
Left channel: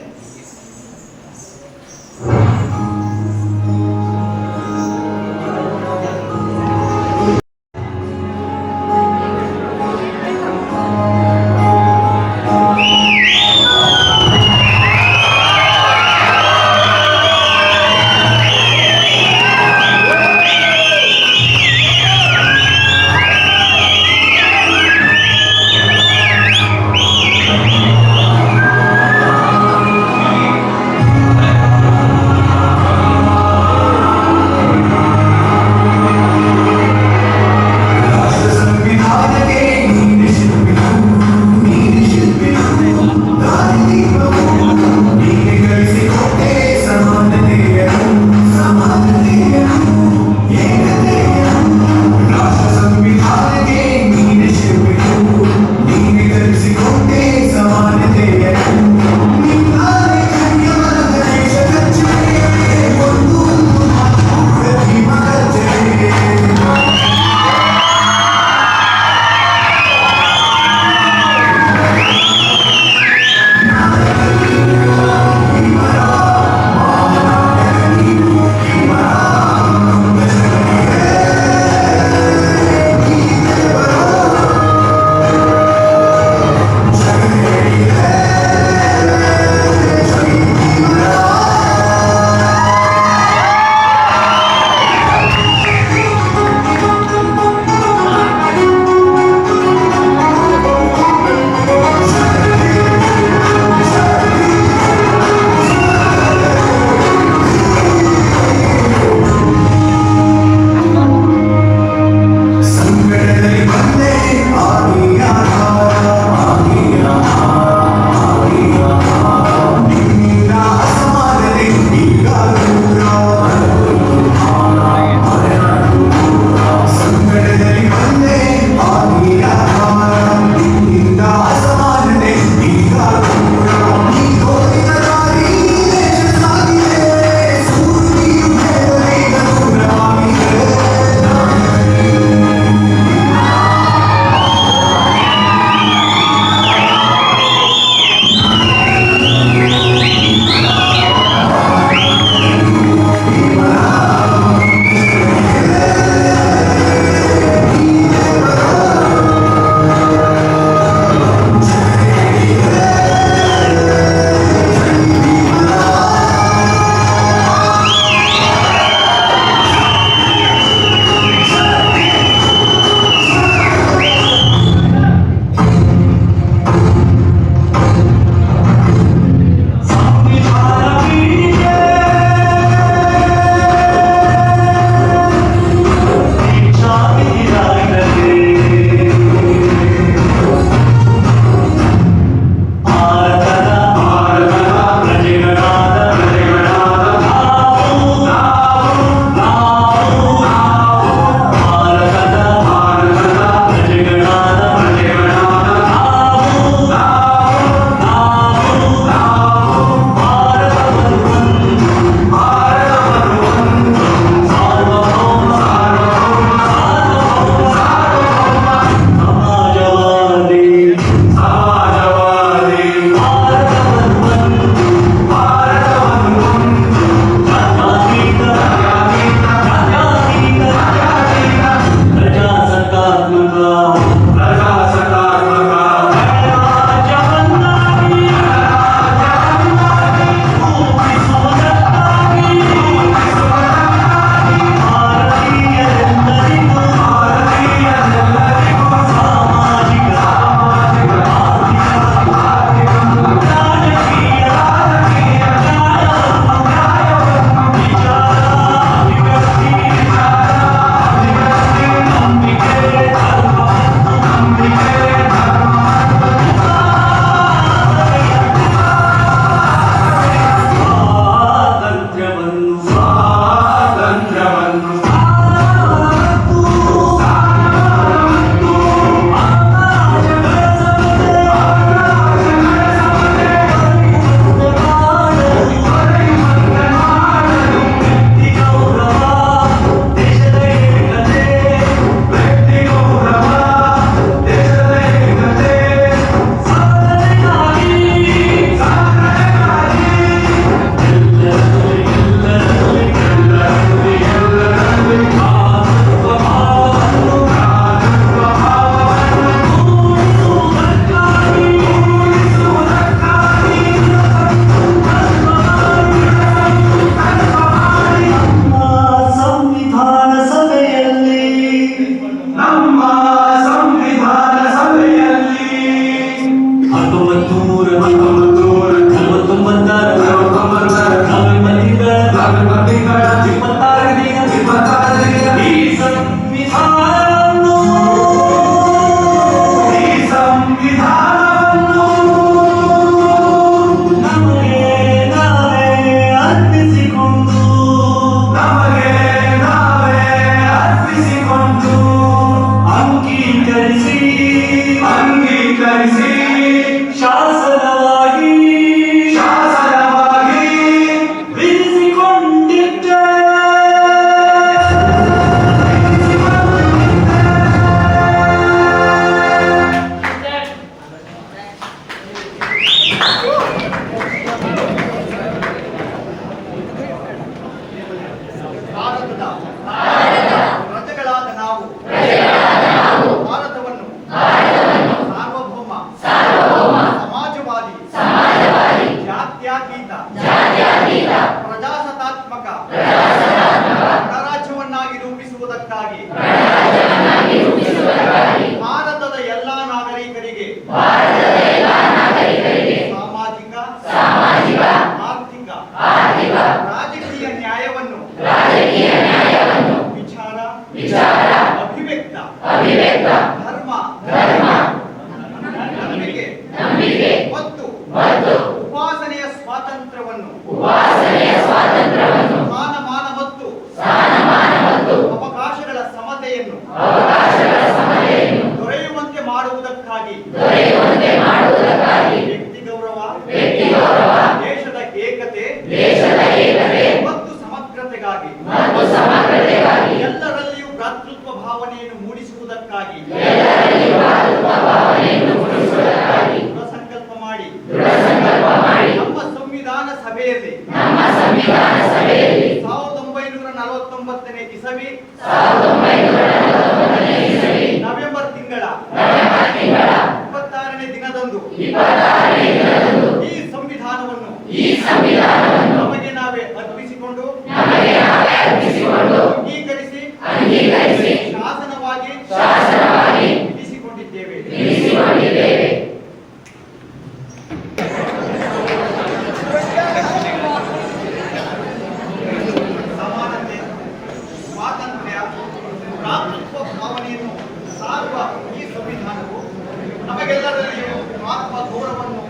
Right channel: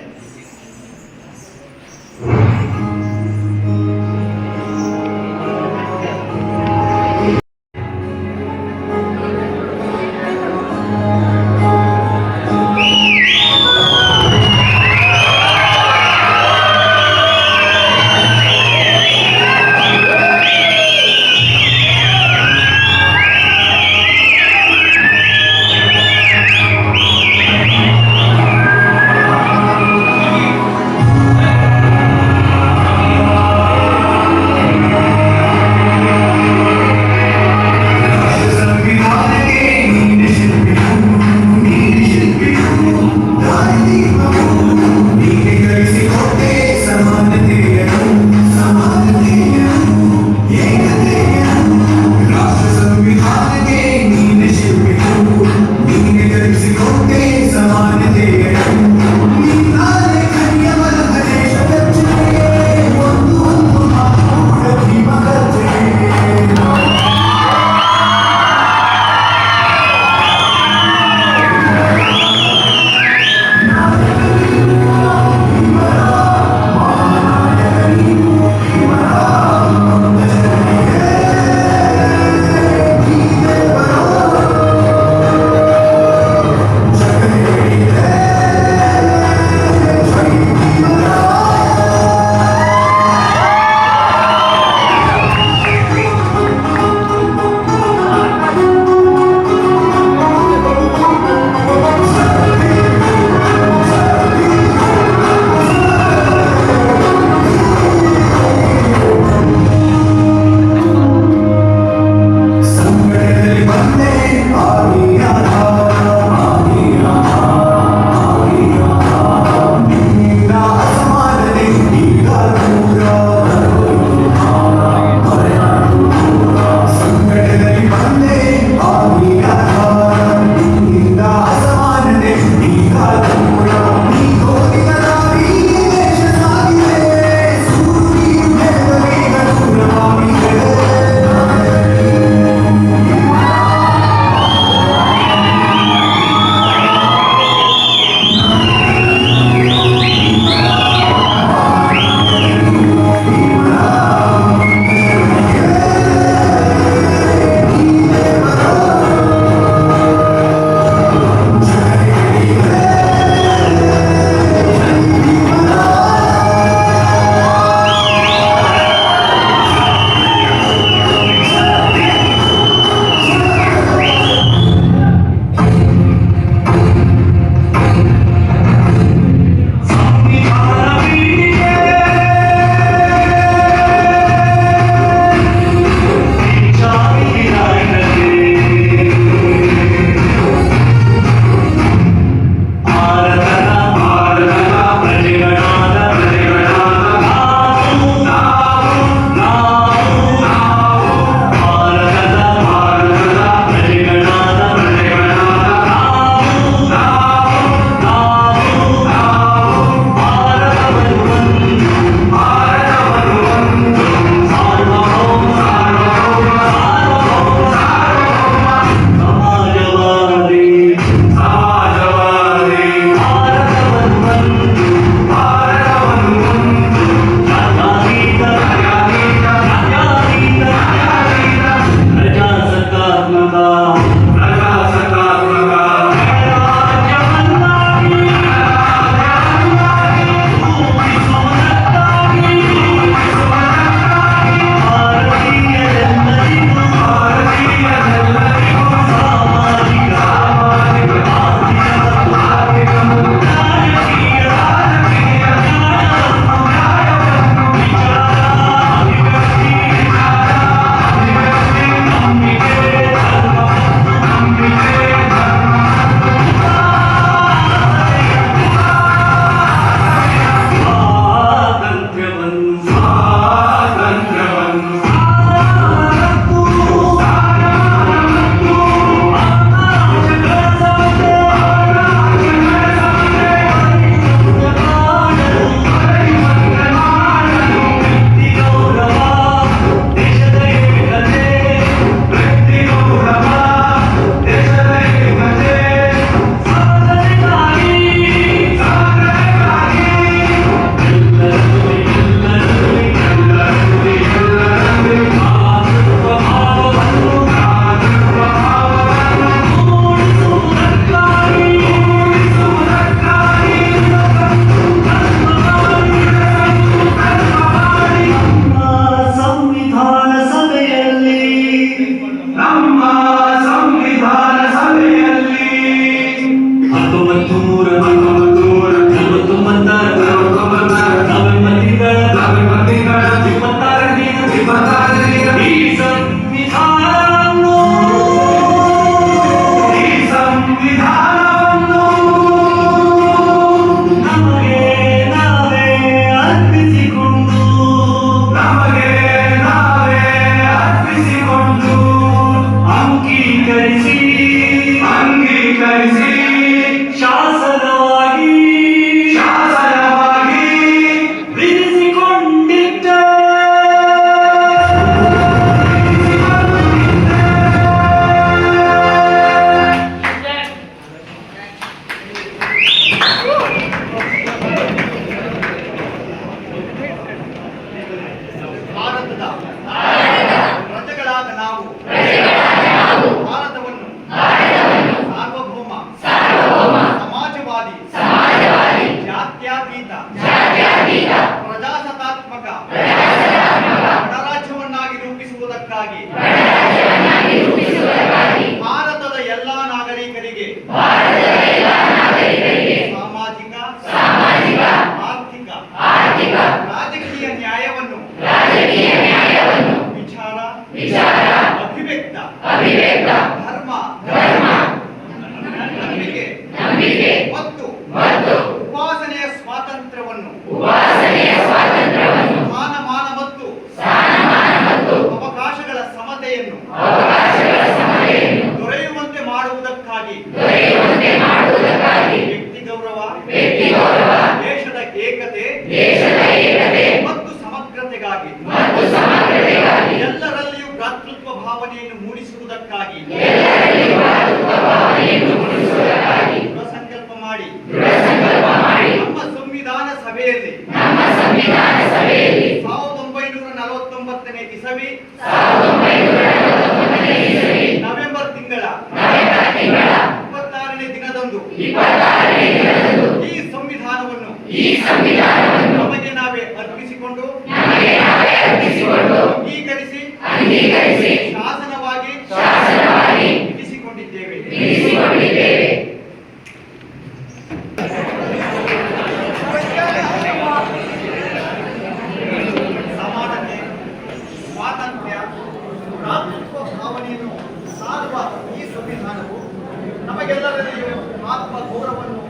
ಸಾಮಾಜಿಕ ಆರ್ಥಿಕ ರಾಜಕೀಯ ನ್ಯಾಯವನ್ನು ವಿಚಾರ ಅಭಿವ್ಯಕ್ತ ಧರ್ಮ ನಂಬಿಕೆ ಮತ್ತು ಉಪಾಸನೆಯ ಸ್ವಾತಂತ್ರ್ಯವನ್ನು ಸ್ಥಾನಮಾನ ಮತ್ತು ಅವಕಾಶಗಳ ಸಮತೆಯನ್ನು ದೊರೆಯುವಂತೆ ಮಾಡುವುದಕ್ಕಾಗಿ ವ್ಯಕ್ತಿ ಗೌರವ ದೇಶದ ಏಕತೆ ಮತ್ತು ಸಮಗ್ರತೆಗಾಗಿ ಎಲ್ಲರಲ್ಲಿಯೂ ಭ್ರಾತೃತ್ವ ಭಾವನೆಯನ್ನು ಮೂಡಿಸುವುದಕ್ಕಾಗಿ ದೃಢ ಸಂಕಲ್ಪ ಮಾಡಿ ನಮ್ಮ ಸಂವಿಧಾನ ಸಭೆಯಲ್ಲಿ 1949ನೇ ಇಸವಿ ನವೆಂಬರ್ ತಿಂಗಳ 26ನೇ ದಿನದಂದು ಈ ಸಂವಿಧಾನವನ್ನು ನಮಗೆ ನಾವೇ ಅರ್ಪಿಸಿಕೊಂಡು ಅಂಗೀಕರಿಸಿ ಶಾಸನವಾಗಿ ವಿಧಿಸಿಕೊಂಡಿದ್ದೇವೆ. ಸಮಾನತೆ, ಸ್ವಾತಂತ್ರ್ಯ, ಭ್ರಾತೃತ್ವ ಭಾವನೆಯನ್ನು ಸಾರುವ ಈ ಸಂವಿಧಾನವು ನಮಗೆಲ್ಲರಲ್ಲಿಯೂ ಆತ್ಮ ಗೌರವವನ್ನು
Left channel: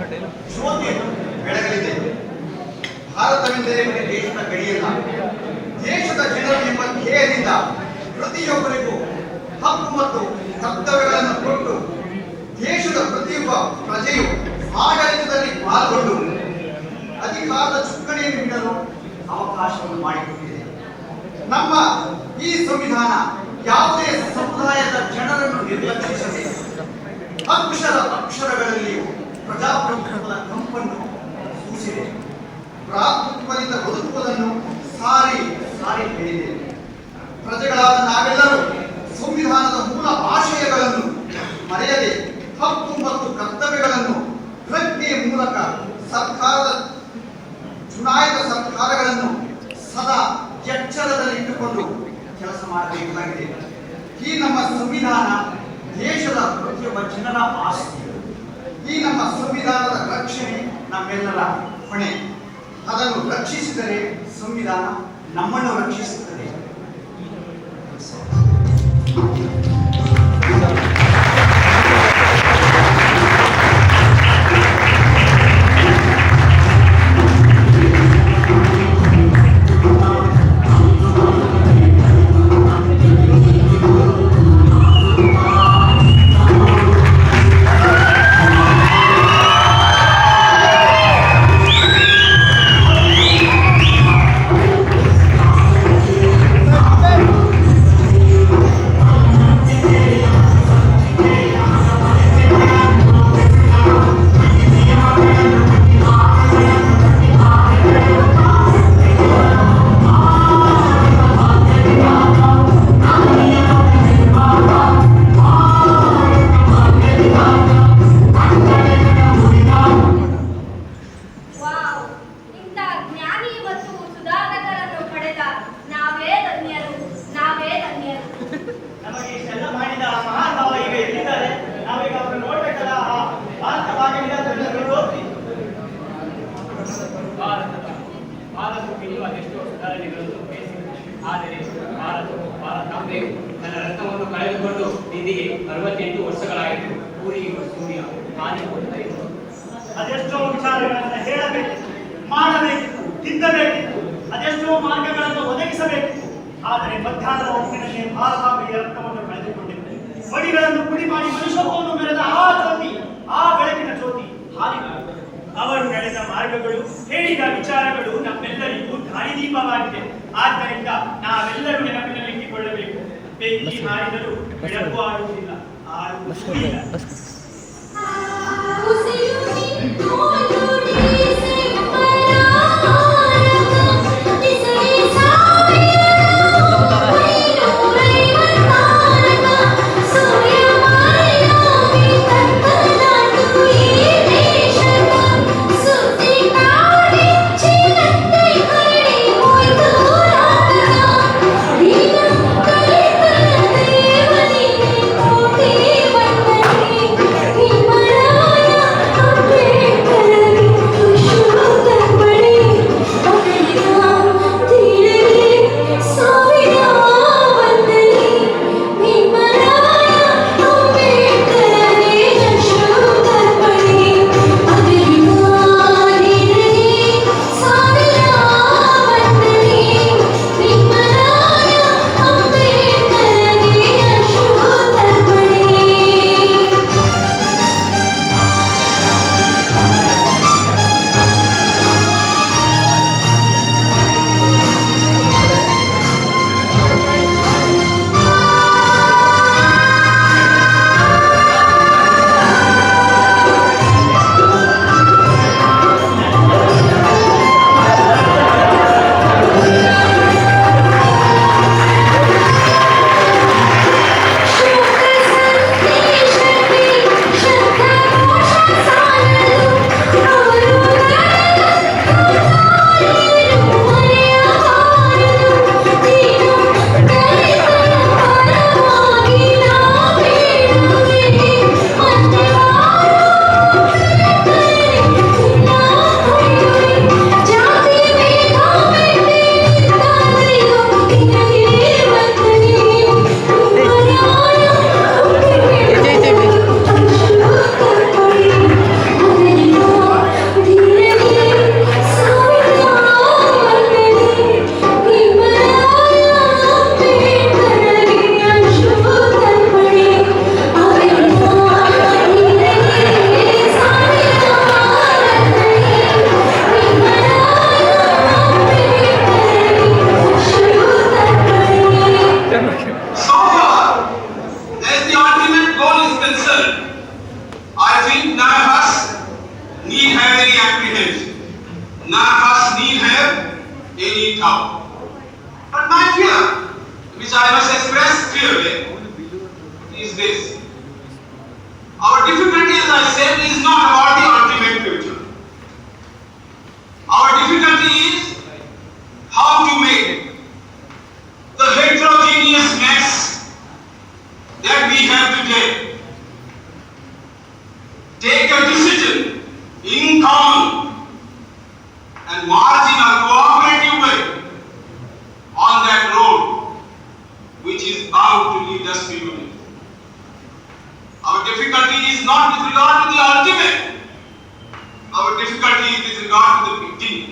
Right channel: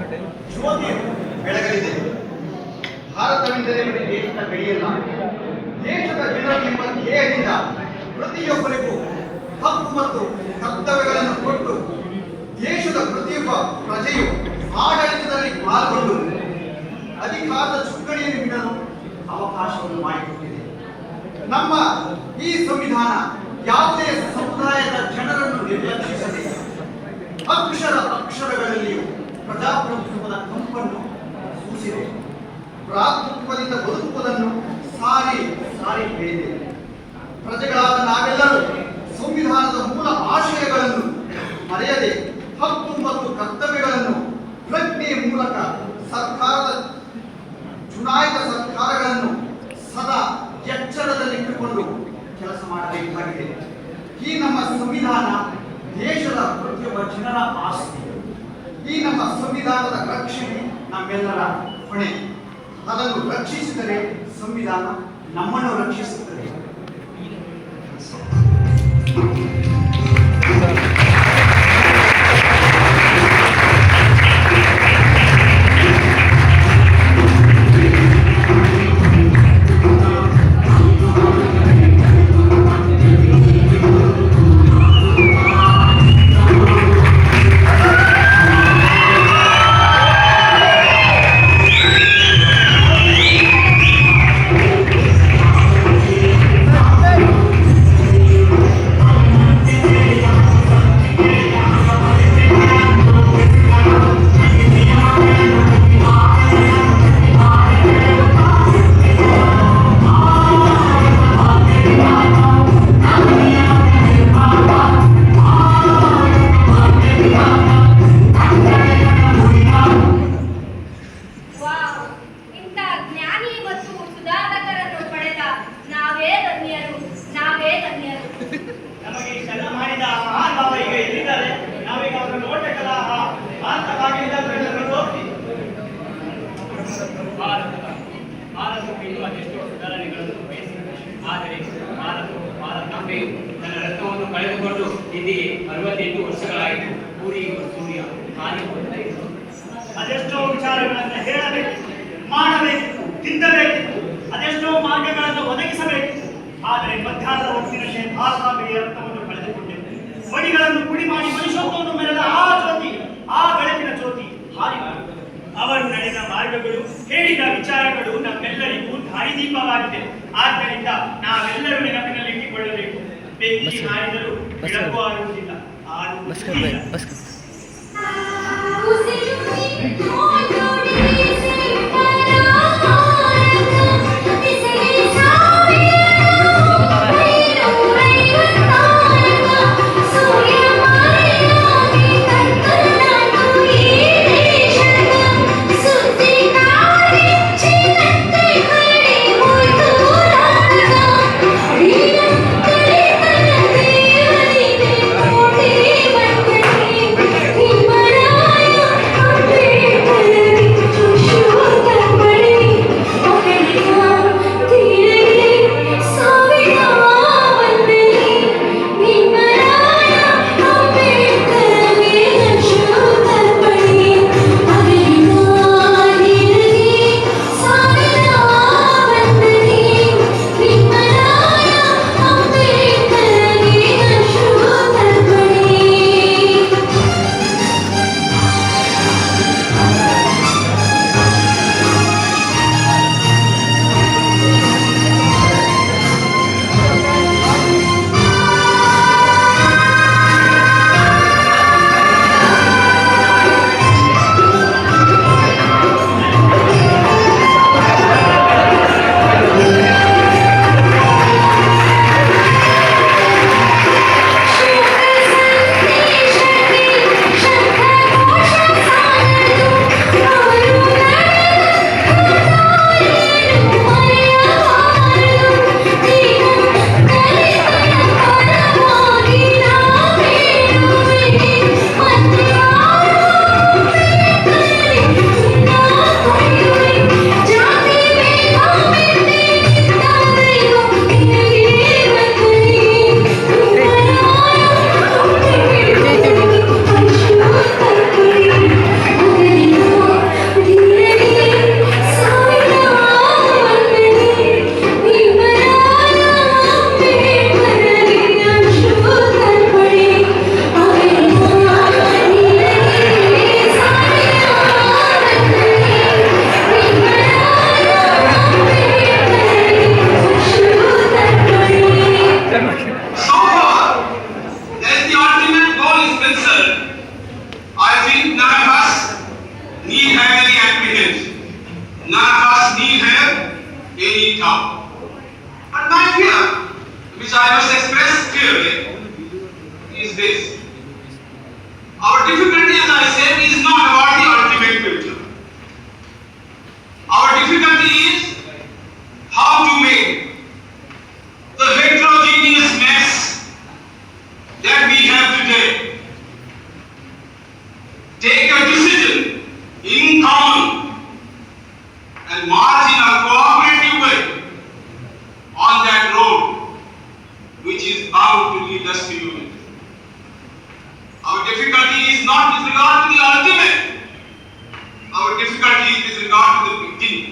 ಜ್ಯೋತಿಯನ್ನು ಬೆಳಗಲಿದೆ. ಭಾರತವೆಂದರೆ ದೇಶದ ಗಡಿಯಲ್ಲ, ದೇಶದ ಜನರು ಎಂಬ ಧ್ಯೇಯದಿಂದ ಪ್ರತಿಯೊಬ್ಬರಿಗೂ ಹಕ್ಕು ಮತ್ತು ಕರ್ತವ್ಯಗಳನ್ನು ಕೊಟ್ಟು ದೇಶದ ಪ್ರತಿಯೊಬ್ಬ ಪ್ರಜೆಯು ಆಡಳಿತದಲ್ಲಿ ಪಾಲ್ಗೊಂಡು ಅಧಿಕಾರದ ಚುಕ್ಕಾಣಿಯನ್ನು ನೀಡಲು ಅವಕಾಶವನ್ನು ಮಾಡಿಕೊಟ್ಟಿದೆ. ನಮ್ಮ ಈ ಸಂವಿಧಾನ ಯಾವುದೇ ಸಮುದಾಯದ ಜನರನ್ನು ನಿರ್ಲಕ್ಷಿಸದೆ ಅಕ್ಷರಗಳಲ್ಲಿಯೂ ಪ್ರಜಾಪ್ರಭುತ್ವದ ಕಂಪನ್ನು ಸೂಚಿಸಿದೆ. ಭ್ರಾತೃತ್ವದಿಂದ ಬದುಕುವುದನ್ನು ಸಾರಿ ಹೇಳಿದೆ. ಪ್ರಜೆಗಳಾದ ನಾವೆಲ್ಲರೂ ಸಂವಿಧಾನದ ಮೂಲ ಆಶಯಗಳನ್ನು ಮರೆಯದೆ ಹಕ್ಕು ಮತ್ತು ಕರ್ತವ್ಯಗಳನ್ನು ಪ್ರಜ್ಞೆಯ ಮೂಲಕ ಚುನಾಯಿತ ಸರ್ಕಾರಗಳನ್ನು ಸದಾ ಎಚ್ಚರದಲ್ಲಿಟ್ಟುಕೊಂಡು ಕೆಲಸ ಮಾಡಬೇಕಾಗಿದೆ. ಈ ನಮ್ಮ ಸಂವಿಧಾನ ದೇಶದ ಪ್ರತಿಯೊಬ್ಬ ಜನರ ಆಸ್ತಿ. ಈ ನಮ್ಮ ಸಂವಿಧಾನದ ರಕ್ಷಣೆ ನಮ್ಮೆಲ್ಲರ ಹೊಣೆ. ಅದನ್ನು ರಕ್ಷಿಸಿದರೆ ಸಂವಿಧಾನ ನಮ್ಮನ್ನು ರಕ್ಷಿಸುತ್ತದೆ. ನಮಗೆ ಇಷ್ಟೆಲ್ಲ ಮಾಡಿದ ಮಹಾನ್ ಭಾವ ಈಗ ಎಲ್ಲಿದ್ದಾರೆ? ನಾವೀಗ ಅವ್ರನ್ನ ನೋಡ್ಬೇಕಲ್ಲ. ಭಾರತವಾಗಿ ಭಾರತಕ್ಕೆ ಇನ್ನೂ ಅದೆಷ್ಟೋ ಸುಧಾರಣೆಗಳನ್ನು ಬಯಸಿದೆ. ಆದರೆ ಭಾರತಾಂಬೆಯು ತನ್ನ ರತ್ನವನ್ನು ಕಳೆದುಕೊಂಡು ಇಲ್ಲಿ 68 ವರ್ಷಗಳಾಯಿತು. ಸೂರ್ಯ ಹಾನಿ ಹೋಗ್ತಾ ಇದೆ. ಅದೆಷ್ಟೋ ವಿಚಾರಗಳನ್ನು ಹೇಳಬೇಕಿತ್ತು, ಮಾಡಬೇಕಿತ್ತು, ತಿದ್ದಬೇಕಿತ್ತು, ಅದೆಷ್ಟೋ ಮಾರ್ಗಗಳನ್ನು ಒದಗಿಸಬೇಕಿತ್ತು. ಆದರೆ ಮಧ್ಯಾಹ್ನದ ಹೊತ್ತಿನಲ್ಲಿ ಭಾರತಾಂಬೆಯ ರಕ್ತವನ್ನು ಕಳೆದುಕೊಂಡಿದೆ. ಮಡಿಗಳನ್ನು ಪುಡಿ ಮಾಡಿ ಮನುಷ್ಯತ್ವವನ್ನು ಮೆರೆದ ಆ ಜ್ಯೋತಿ, ಆ ಬೆಳಕಿನ ಜ್ಯೋತಿ ಹಾರಿ ಅವರು ನಡೆದ ಮಾರ್ಗಗಳು, ಹೇಳಿದ ವಿಚಾರಗಳು ನಮ್ಮೆಲ್ಲರಿಗೂ ದಾರಿದೀಪವಾಗಿದೆ. ಆದ್ದರಿಂದ ನಾವೆಲ್ಲರೂ ನೆನಪಿನಲ್ಲಿಟ್ಟುಕೊಳ್ಳಬೇಕು. ಬೆಂಕಿ ಹಾರಿದರೂ ಬೆಳಕು ಆಡುವುದಿಲ್ಲ, ಆಡುವುದಿಲ್ಲ. Himara think none of us need have any apprehension. None of us need have any doubt. But my fear, which I must express clearly, is this. Our difficulty, as I said, is not about the ultimate future. Our difficulty is how to make the heterogeneous mess that we have today take a decision in common and march in a cooperative way on that road which is bound to lead us to unity. Our difficulty is not with regard to the ultimate. Our difficulty is with regard to the beginning.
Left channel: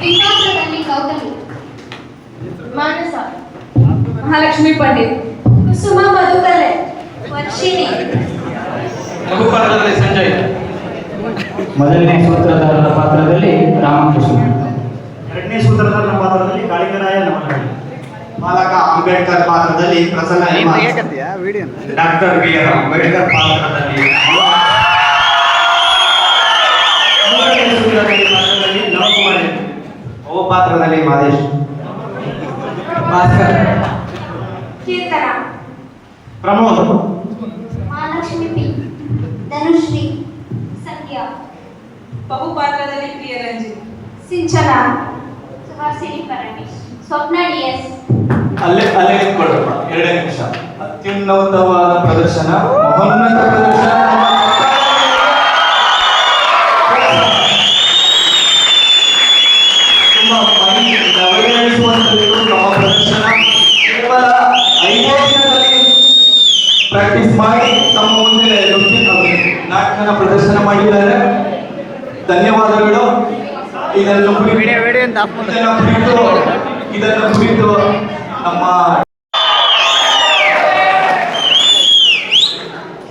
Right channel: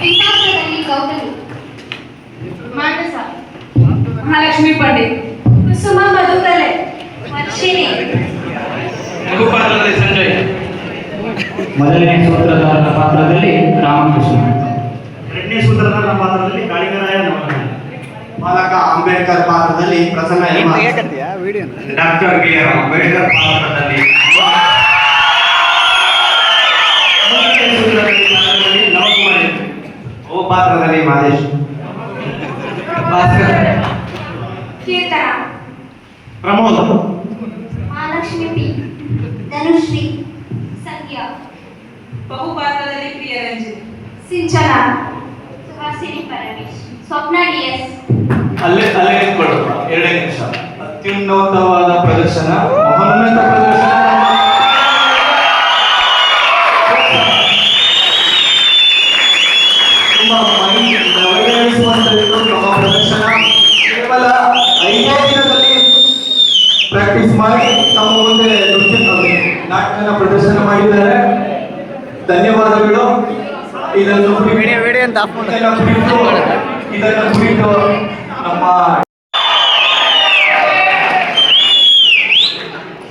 ವಿಕಾಸದಲ್ಲಿ ಕೌತಲಿ ಮಾನಸ, ಮಹಾಲಕ್ಷ್ಮಿ ಪಂಡಿತ್, ಕುಸುಮ ಮಧುಕಲೆ, ವರ್ಷಿಣಿ, ಮಧುಪಾಲದಲ್ಲಿ ಸಂಜಯ್, ಮೊದಲನೇ ಸೂತ್ರಧಾರನ ಪಾತ್ರದಲ್ಲಿ ರಾಮಕೃಷ್ಣ, ಎರಡನೇ ಸೂತ್ರಧಾರನ ಪಾತ್ರದಲ್ಲಿ ಕಾಳಿಂಗರಾಯ ನವಲಹಳ್ಳಿ, ಬಾಲಕ ಅಂಬೇಡ್ಕರ್ ಪಾತ್ರದಲ್ಲಿ Prasanna M. Doctor B R Ambedkar ಪಾತ್ರದಲ್ಲಿ ಮೂರನೇ ಸೂತ್ರಧಾರನ ಪಾತ್ರದಲ್ಲಿ ನವಕುಮಾರ್ ಎಂ. ಓ ಪಾತ್ರದಲ್ಲಿ ಮಹೇಶ್, ಭಾಸ್ಕರ್, ಕೀರ್ತನ, ಪ್ರಮೋದ್, ಮಹಾಲಕ್ಷ್ಮಿ ಪಿ, ಧನುಶ್ರೀ, ಸಂಧ್ಯಾ, ಬಹುಪಾತ್ರದಲ್ಲಿ ಪ್ರಿಯರಂಜಿನಿ, ಸಿಂಚನ, ಸುಹಾಸಿನಿ ಪರಮೇಶ್, ಸ್ವಪ್ನ ಡಿಎಸ್. ಅಲ್ಲೇ ನಿಂತ್ಕೊಳ್ಳು 2 ನಿಮಿಷ. ಅತ್ಯುನ್ನತವಾದ ಪ್ರದರ್ಶನ, ಮಹೋನ್ನತ ಪ್ರದರ್ಶನ. ತುಂಬಾ ನವೀಕರಿಸುವಂತದ್ದು ನಮ್ಮ ಪ್ರದರ್ಶನ. ಕೇವಲ 5 ದಿನದಲ್ಲಿ ಪ್ರಾಕ್ಟೀಸ್ ಮಾಡಿ ತಮ್ಮ ಮುಂದೆ ನಾಟಕನ ಪ್ರದರ್ಶನ ಮಾಡಿದ್ದಾರೆ. ಧನ್ಯವಾದಗಳು. ಇದನ್ನು ಕುರಿತು ನಮ್ಮ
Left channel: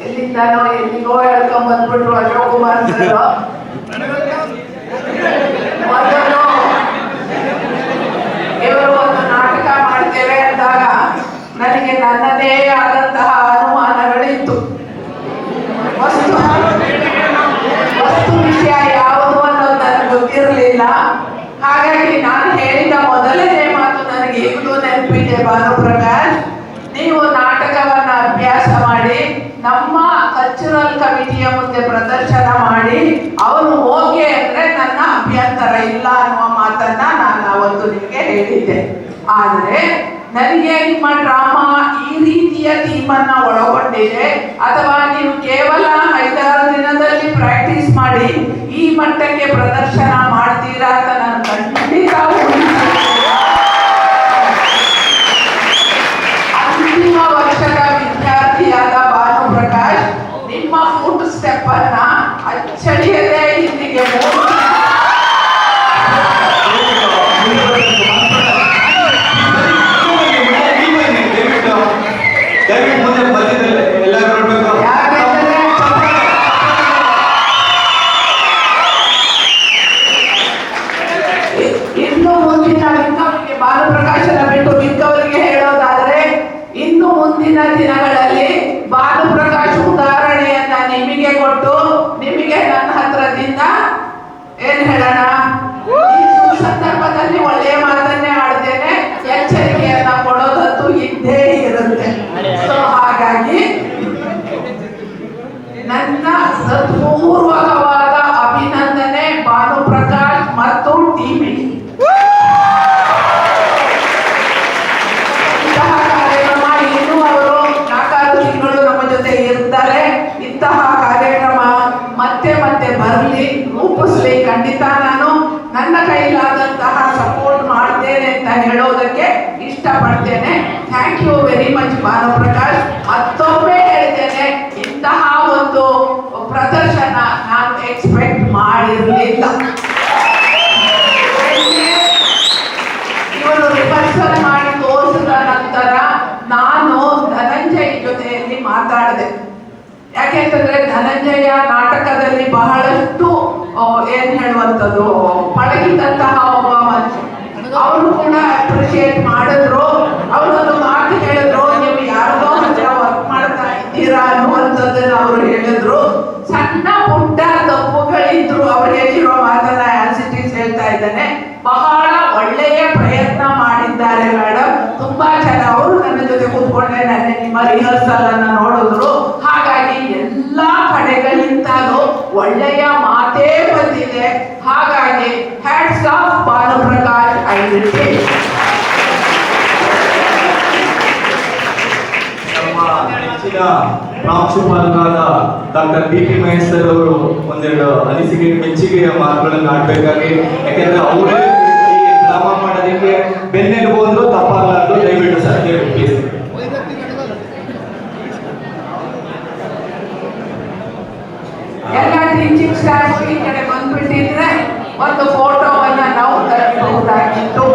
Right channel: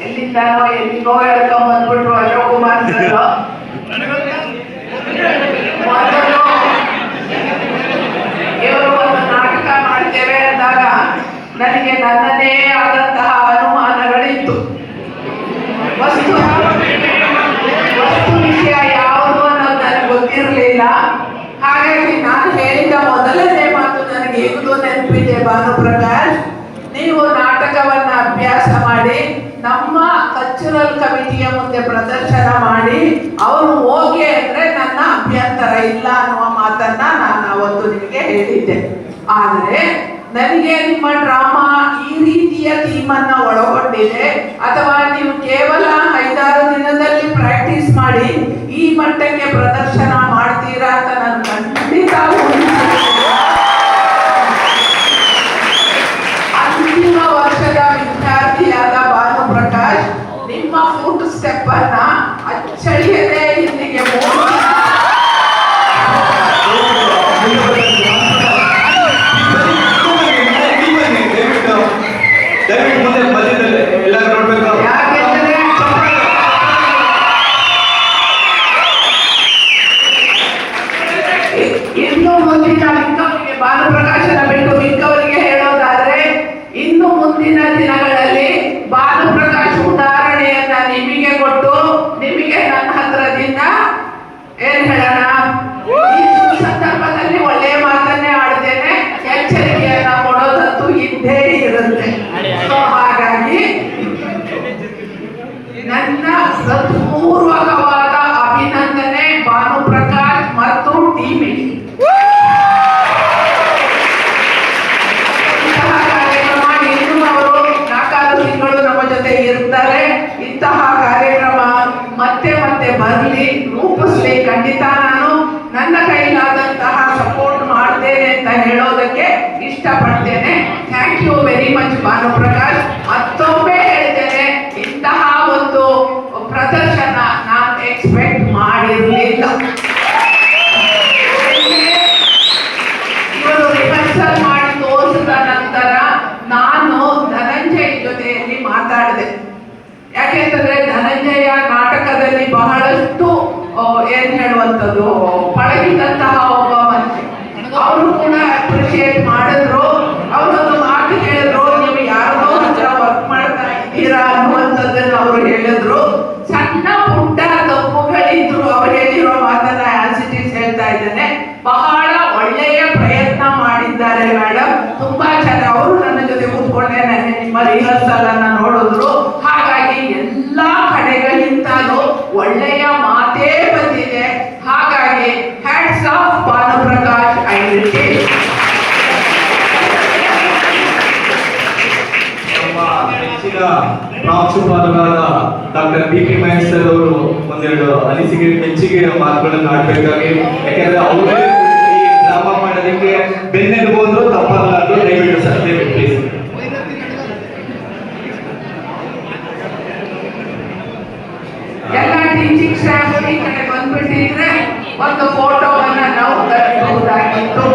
ಎಲ್ಲಿಂದೋ ಹೇಳ್ಕೊಂಡ್ ಬಂದ್ಬಿಟ್ರು ಅಶೋಕ್ ಕುಮಾರ್ ಸರ್. ಇವರು ಒಂದು ನಾಟಕ ಮಾಡ್ತೇವೆ ಅಂದಾಗ ನನಗೆ ನನ್ನದೇ ಆದಂತಹ ಅನುಮಾನಗಳಿತ್ತು. ವಸ್ತು ವಿಷಯ ಯಾವುದು ಅನ್ನೋದು ನನಗೆ ಗೊತ್ತಿರಲಿಲ್ಲ. ಹಾಗಾಗಿ ನಾನು ಹೇಳಿದ ಮೊದಲನೇ ಮಾತು ನನಗೆ ಈಗಲೂ ನೆನಪಿದೆ. ಭಾನುಪ್ರಕಾಶ್, ನೀವು ನಾಟಕವನ್ನ ಅಭ್ಯಾಸ ಮಾಡಿ ನಮ್ಮ ಕಲ್ಚರಲ್ ಕಮಿಟಿಯ ಮುಂದೆ ಪ್ರದರ್ಶನ ಮಾಡಿ ಅವರು ಓಕೆ ಅಂದ್ರೆ ನನ್ನ ಅಭ್ಯಂತರ ಇಲ್ಲ ಅನ್ನುವ ಮಾತನ್ನ ನಾನು ಅವತ್ತು ನಿಮಗೆ ಹೇಳಿದ್ದೆ. ಆದ್ರೆ ನನಗೆ ನಿಮ್ಮ ಡ್ರಾಮಾ ಈ ರೀತಿಯ ಥೀಮ್ ಅನ್ನ ಒಳಗೊಂಡಿದೆ ಅಥವಾ ನೀವು ಕೇವಲ 5-6 ದಿನದಲ್ಲಿ ಪ್ರಾಕ್ಟೀಸ್ ಮಾಡಿ ಈ ಮಟ್ಟಕ್ಕೆ ಪ್ರದರ್ಶನ ಮಾಡ್ತೀರಾ ಅಂತ ನಾನು ಖಂಡಿತ ಅಂತಿಮ ವರ್ಷದ ವಿದ್ಯಾರ್ಥಿಯಾದ ಭಾನುಪ್ರಕಾಶ್, ನಿಮ್ಮ ಫುಟ್ ಸ್ಟೆಪ್ ಅನ್ನ ಅಚ್ಚಳಿಯದೆ ಇಲ್ಲಿಗೆ ಇನ್ನು ಮುಂದಿನ ಮಿಕ್ಕವರಿಗೆ ಭಾನುಪ್ರಕಾಶನ ಬಿಟ್ಟು ಮಿಕ್ಕವರಿಗೆ ಹೇಳೋದಾದ್ರೆ, ಇನ್ನು ಮುಂದಿನ ದಿನಗಳಲ್ಲಿ ಭಾನುಪ್ರಕಾಶ್ ಉದಾಹರಣೆಯನ್ನ ನಿಮಗೆ ಕೊಟ್ಟು ನಿಮಗೆ ನನ್ನ ಹತ್ರದಿಂದ ಏನ್ ಹೇಳೋಣ, ಈ ಸಂದರ್ಭದಲ್ಲಿ ಒಳ್ಳೆಯ ಮಾತನ್ನೇ ಆಡ್ತೇನೆ, ಎಚ್ಚರಿಕೆಯನ್ನ ಕೊಡೋದಂತೂ ಇದ್ದೇ ಇರುತ್ತೆ. ಸೊ ಹಾಗಾಗಿ ನನ್ನ ಹೃತ್ಪೂರ್ವಕವಾದ ಅಭಿನಂದನೆ ಭಾನುಪ್ರಕಾಶ್ ಮತ್ತು ಟೀಮಿಗೆ. ಇಂತಹ ಕಾರ್ಯಕ್ರಮ ಇನ್ನೂ ಅವರು 4 ತಿಂಗಳು ನಮ್ಮ ಜೊತೆ ಇರ್ತಾರೆ. ಇಂತಹ ಕಾರ್ಯಕ್ರಮ ಮತ್ತೆ ಮತ್ತೆ ಬರಲಿ, ರೂಪಿಸ್ಲಿ. ಖಂಡಿತ ನಾನು ನನ್ನ ಕೈಲಾದಂತಹ ಸಪೋರ್ಟ್ ಮಾಡ್ತೇನೆ ಅಂತ ಹೇಳೋದಕ್ಕೆ ಇಷ್ಟಪಡ್ತೇನೆ. Thank you very much Bhanuprakash. ಮತ್ತೊಮ್ಮೆ ಹೇಳ್ತೇನೆ, ಇಂತಹ ಒಂದು ಪ್ರದರ್ಶನ ನಾನು ಎಕ್ಸ್ಪೆಕ್ಟ್ ಮಾಡಿರಲಿಲ್ಲ. ಇವರು ರಿಹರ್ಸಲ್ ಮಾಡಿ ಯಾಕೆಂತಂದ್ರೆ ಧನಂಜಯ ನಾಟಕದಲ್ಲಿ ಬಹಳಷ್ಟು ಏನ್ ಹೇಳುವಂಥದ್ದು ಪಳಗಿದಂತಹ ಒಬ್ಬ ಮನುಷ್ಯ. ಅವರು ಕೂಡ ಅಪ್ರಿಶಿಯೇಟ್ ಮಾಡಿದ್ರು. ಅವರೊಂದು ಮಾತು ಹೇಳಿದ್ರು, ನೀವು ಯಾರಿಗೋ ಹತ್ರ ವರ್ಕ್ ಮಾಡ್ತಾ ಇದ್ದೀರಾ ಅನ್ನುವಂಥದ್ದನ್ನ ಅವರು ಹೇಳಿದ್ರು. ಸಣ್ಣ ಪುಟ್ಟ ತಪ್ಪುಗಳಿದ್ರು, ಅವ್ರು ಹೇಳಿರೋ ಮಾತನ್ನ ಆಸ್ ಇಟ್ ಈಸ್ ಹೇಳ್ತಾ ಇದ್ದೇನೆ. ಬಹಳ ಒಳ್ಳೆಯ ಪ್ರಯತ್ನ ಮಾಡಿದ್ದಾರೆ ಮೇಡಮ್, ತುಂಬಾ ಚೆನ್ನಾಗಿ. ಅವರು ನನ್ನ ಜೊತೆ ಕೂತ್ಕೊಂಡೆ ನೆನ್ನೆ ನಿಮ್ಮ ರಿಹರ್ಸಲ್ ಅನ್ನ ನೋಡಿದ್ರು. ಹಾಗಾಗಿ ಎಲ್ಲಾ ಕಡೆಗಳಿಂದಲೂ ಒಳ್ಳೆಯ ಮಾತೇ ಬಂದಿದೆ. ಹಾಗಾಗಿ ಹ್ಯಾಟ್ಸ್ ಆಫ್ ಭಾನುಪ್ರಕಾಶ್ ಐಡೆಂಟಿ. ಹೆಚ್ಚಿನ ಪ್ರಾಂಶುಪಾಲರಾದ doctor B P Mahesh sir ಅವರು ಒಂದೆರಡು ಅನಿಸಿಕೆ ಮೆಚ್ಚುಗೆ ಮಾತುಗಳನ್ನು ಆಡ್ಬೇಕಾಗಿ, ಯಾಕಂದ್ರೆ ಅವರೇ ಈ ಡ್ರಾಮಾ ಮಾಡೋದಕ್ಕೆ ಬೆನ್ನೆಲುಬು ಬಂದ್ರು ತಪ್ಪಾಗಲಾರ್ದು. ದಯವಿಟ್ಟು ಸರ್, ದಯವಿಟ್ಟು ಪ್ಲೀಸ್. ಎಲ್ಲ ಟೀಚಿಂಗ್ ಸ್ಟಾಫ್ ಈ ಕಡೆ ಬಂದ್ಬಿಟ್ಟಿದ್ರೆ ಒಂದು ಫೋಟೋವನ್ನ ನಾವು ತರಬಹುದಾಗಿತ್ತು.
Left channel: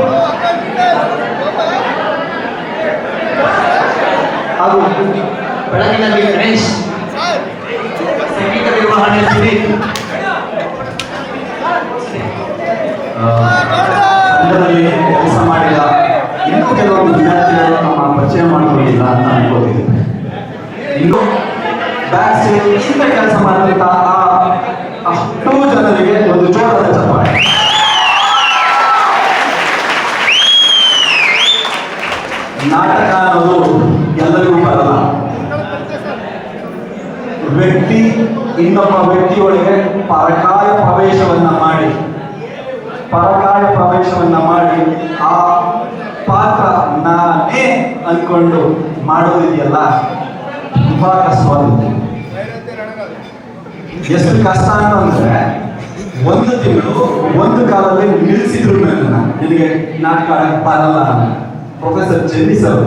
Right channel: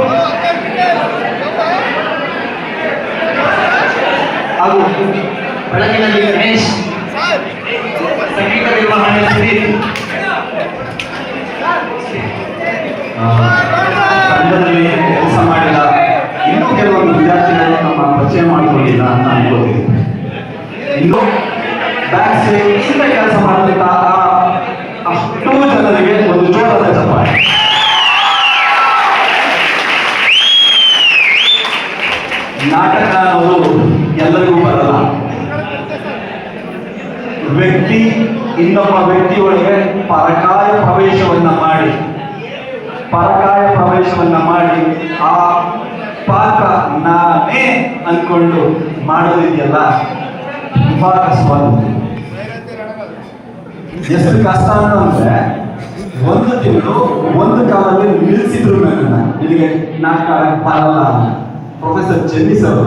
ಹಾಗೂ ಬೆಳಗಿನಲ್ಲಿ ಗಣೇಶ್ ಸಂಗೀತ ನಿರ್ವಹಣೆ ತಂಡದಲ್ಲಿ ಕೆಲಸ ಮಾಡಿದ ಇನ್ನೂ ಕೆಲವೊಂದು ವಿದ್ಯಾರ್ಥಿಗಳನ್ನು ನಮ್ಮ ಪರಿಚಯ ಮಾಡಿಕೊಂಡಿಲ್ಲ ಅಂತ ಅನ್ಕೋತೀನಿ. ಇನ್ನು ಇಂದ ಕೆಲಸ ಮಾಡಿದಂತಹ ಅಷ್ಟೂ ಜನರಿಗೆ ಒಂದು ಜೋರಾದ ಚಪ್ಪಾಳೆ. ನಾಟಕ ಅನ್ನೋದು ಎಲ್ಲರಿಗೂ ಬರಲ್ಲ. ವ್ಯಕ್ತಿ ಇನ್ನೊಬ್ಬ ವ್ಯಕ್ತಿಯೊಳಗೆ ಪರಕಾಯ ಪ್ರವೇಶವನ್ನ ಮಾಡಿ ಆ ಪಾತ್ರ ನಾನೇ ಅನ್ಕೊಂಡು ಮಾಡೋದಿದೆಯಲ್ಲ, ತುಂಬಾ ಕಷ್ಟವಾದ. ಎಷ್ಟು ಕಷ್ಟ ಅಂತಂದ್ರೆ ಒಂದು ತಿಂಗಳು ಒಂದು ಕಾಲದಲ್ಲಿ ನಿಲ್ಲಿಸಿದ್ರು ನನ್ನ ನಿನಗೆ ನಾಟಕ ಬರಲ್ಲ. ಪ್ರೊಫೆಸರ್ ಜೆನ್ನಿ ಸರ್,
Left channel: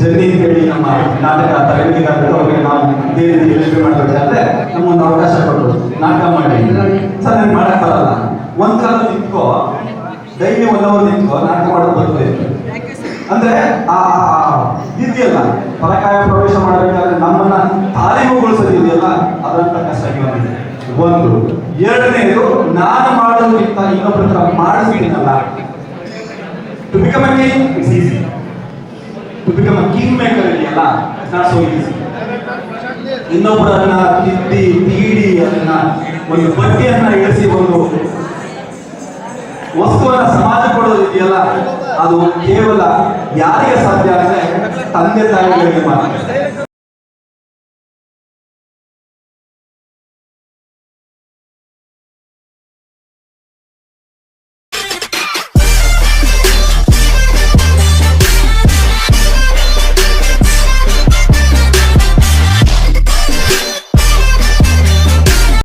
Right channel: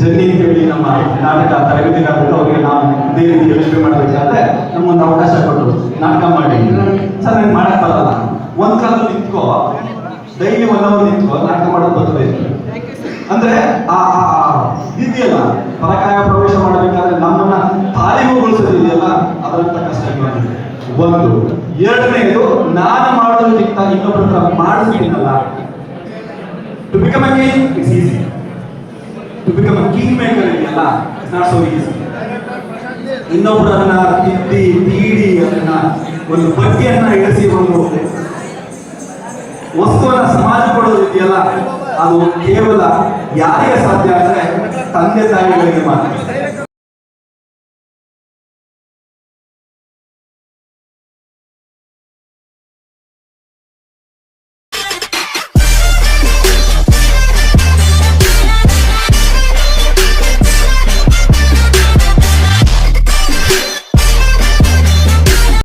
ಜೆನ್ನಿ ಅಂತ ಹೇಳಿ ನಮ್ಮ ನಾಟಕ ತರಗತಿಗಾರರು, ಅವ್ರಿಗೆ ನಾವು ಇದೇ ರೀತಿ ಯೋಚನೆ ಮಾಡಬೇಕಾದ್ರೆ ನಮ್ಮೊಂದು ಅವಕಾಶ ಕೊಟ್ಟರು, ನಾಟಕ ಮಾಡಿ. ಸರ್ ನಂಗೆ ಮಾಡಕ್ ಬರಲ್ಲ, ಒಂದ್ ಕಾಲದಲ್ಲಿ ನಿಂತ್ಕೋ, ಡೈಲಿ 1 ಅವರ್ ನಿಂತ್ಕೋ, ನಾಟಕ ಮಾಡೋದು ಬರ್ಬೇಕು ಅಂದ್ರೆ ಆ ಇದೆಯಲ್ಲ, ಪರಕಾಯ ಪ್ರವೇಶ ಮಾಡಬೇಕಾದ್ರೆ ನಮ್ಮನ್ನ ತಾಲೀಮುಗೊಳಿಸೋದಿದೆಯಲ್ಲ, ಅದಂತ ಕಷ್ಟ ಆಗಿದೆ. ಒಂದು. ಎರಡನೇದು, ನಾನು ಮಾಡೋದಕ್ಕಿಂತ ಇನ್ನೊಬ್ಬರ ಮಾಡಿಸ್ತೀನಲ್ಲ. To become a king, it's easy. To become a kingmaker ಇದೆಯಲ್ಲ, it's not so easy. ಇನ್ನೊಬ್ಬರನ್ನ ತೀಡಿ ಅದನ್ನ ಒಂದು ಬಗ್ಗೆಯನ್ನ ಇಳಿಸಿ ಒಂದು ವಸ್ತುವನ್ನ ಸಮಾಜ ಕೊಡೋದು ಇದೆಯಲ್ಲ, ಅದು ಕೇವಲ ಯಾರಿಗೆ ಸಾಧ್ಯ ಅಂದ್ರೆ ತಂದೆ ತಾಯಿಗಳಿಗೆ ಮಾತ್ರ.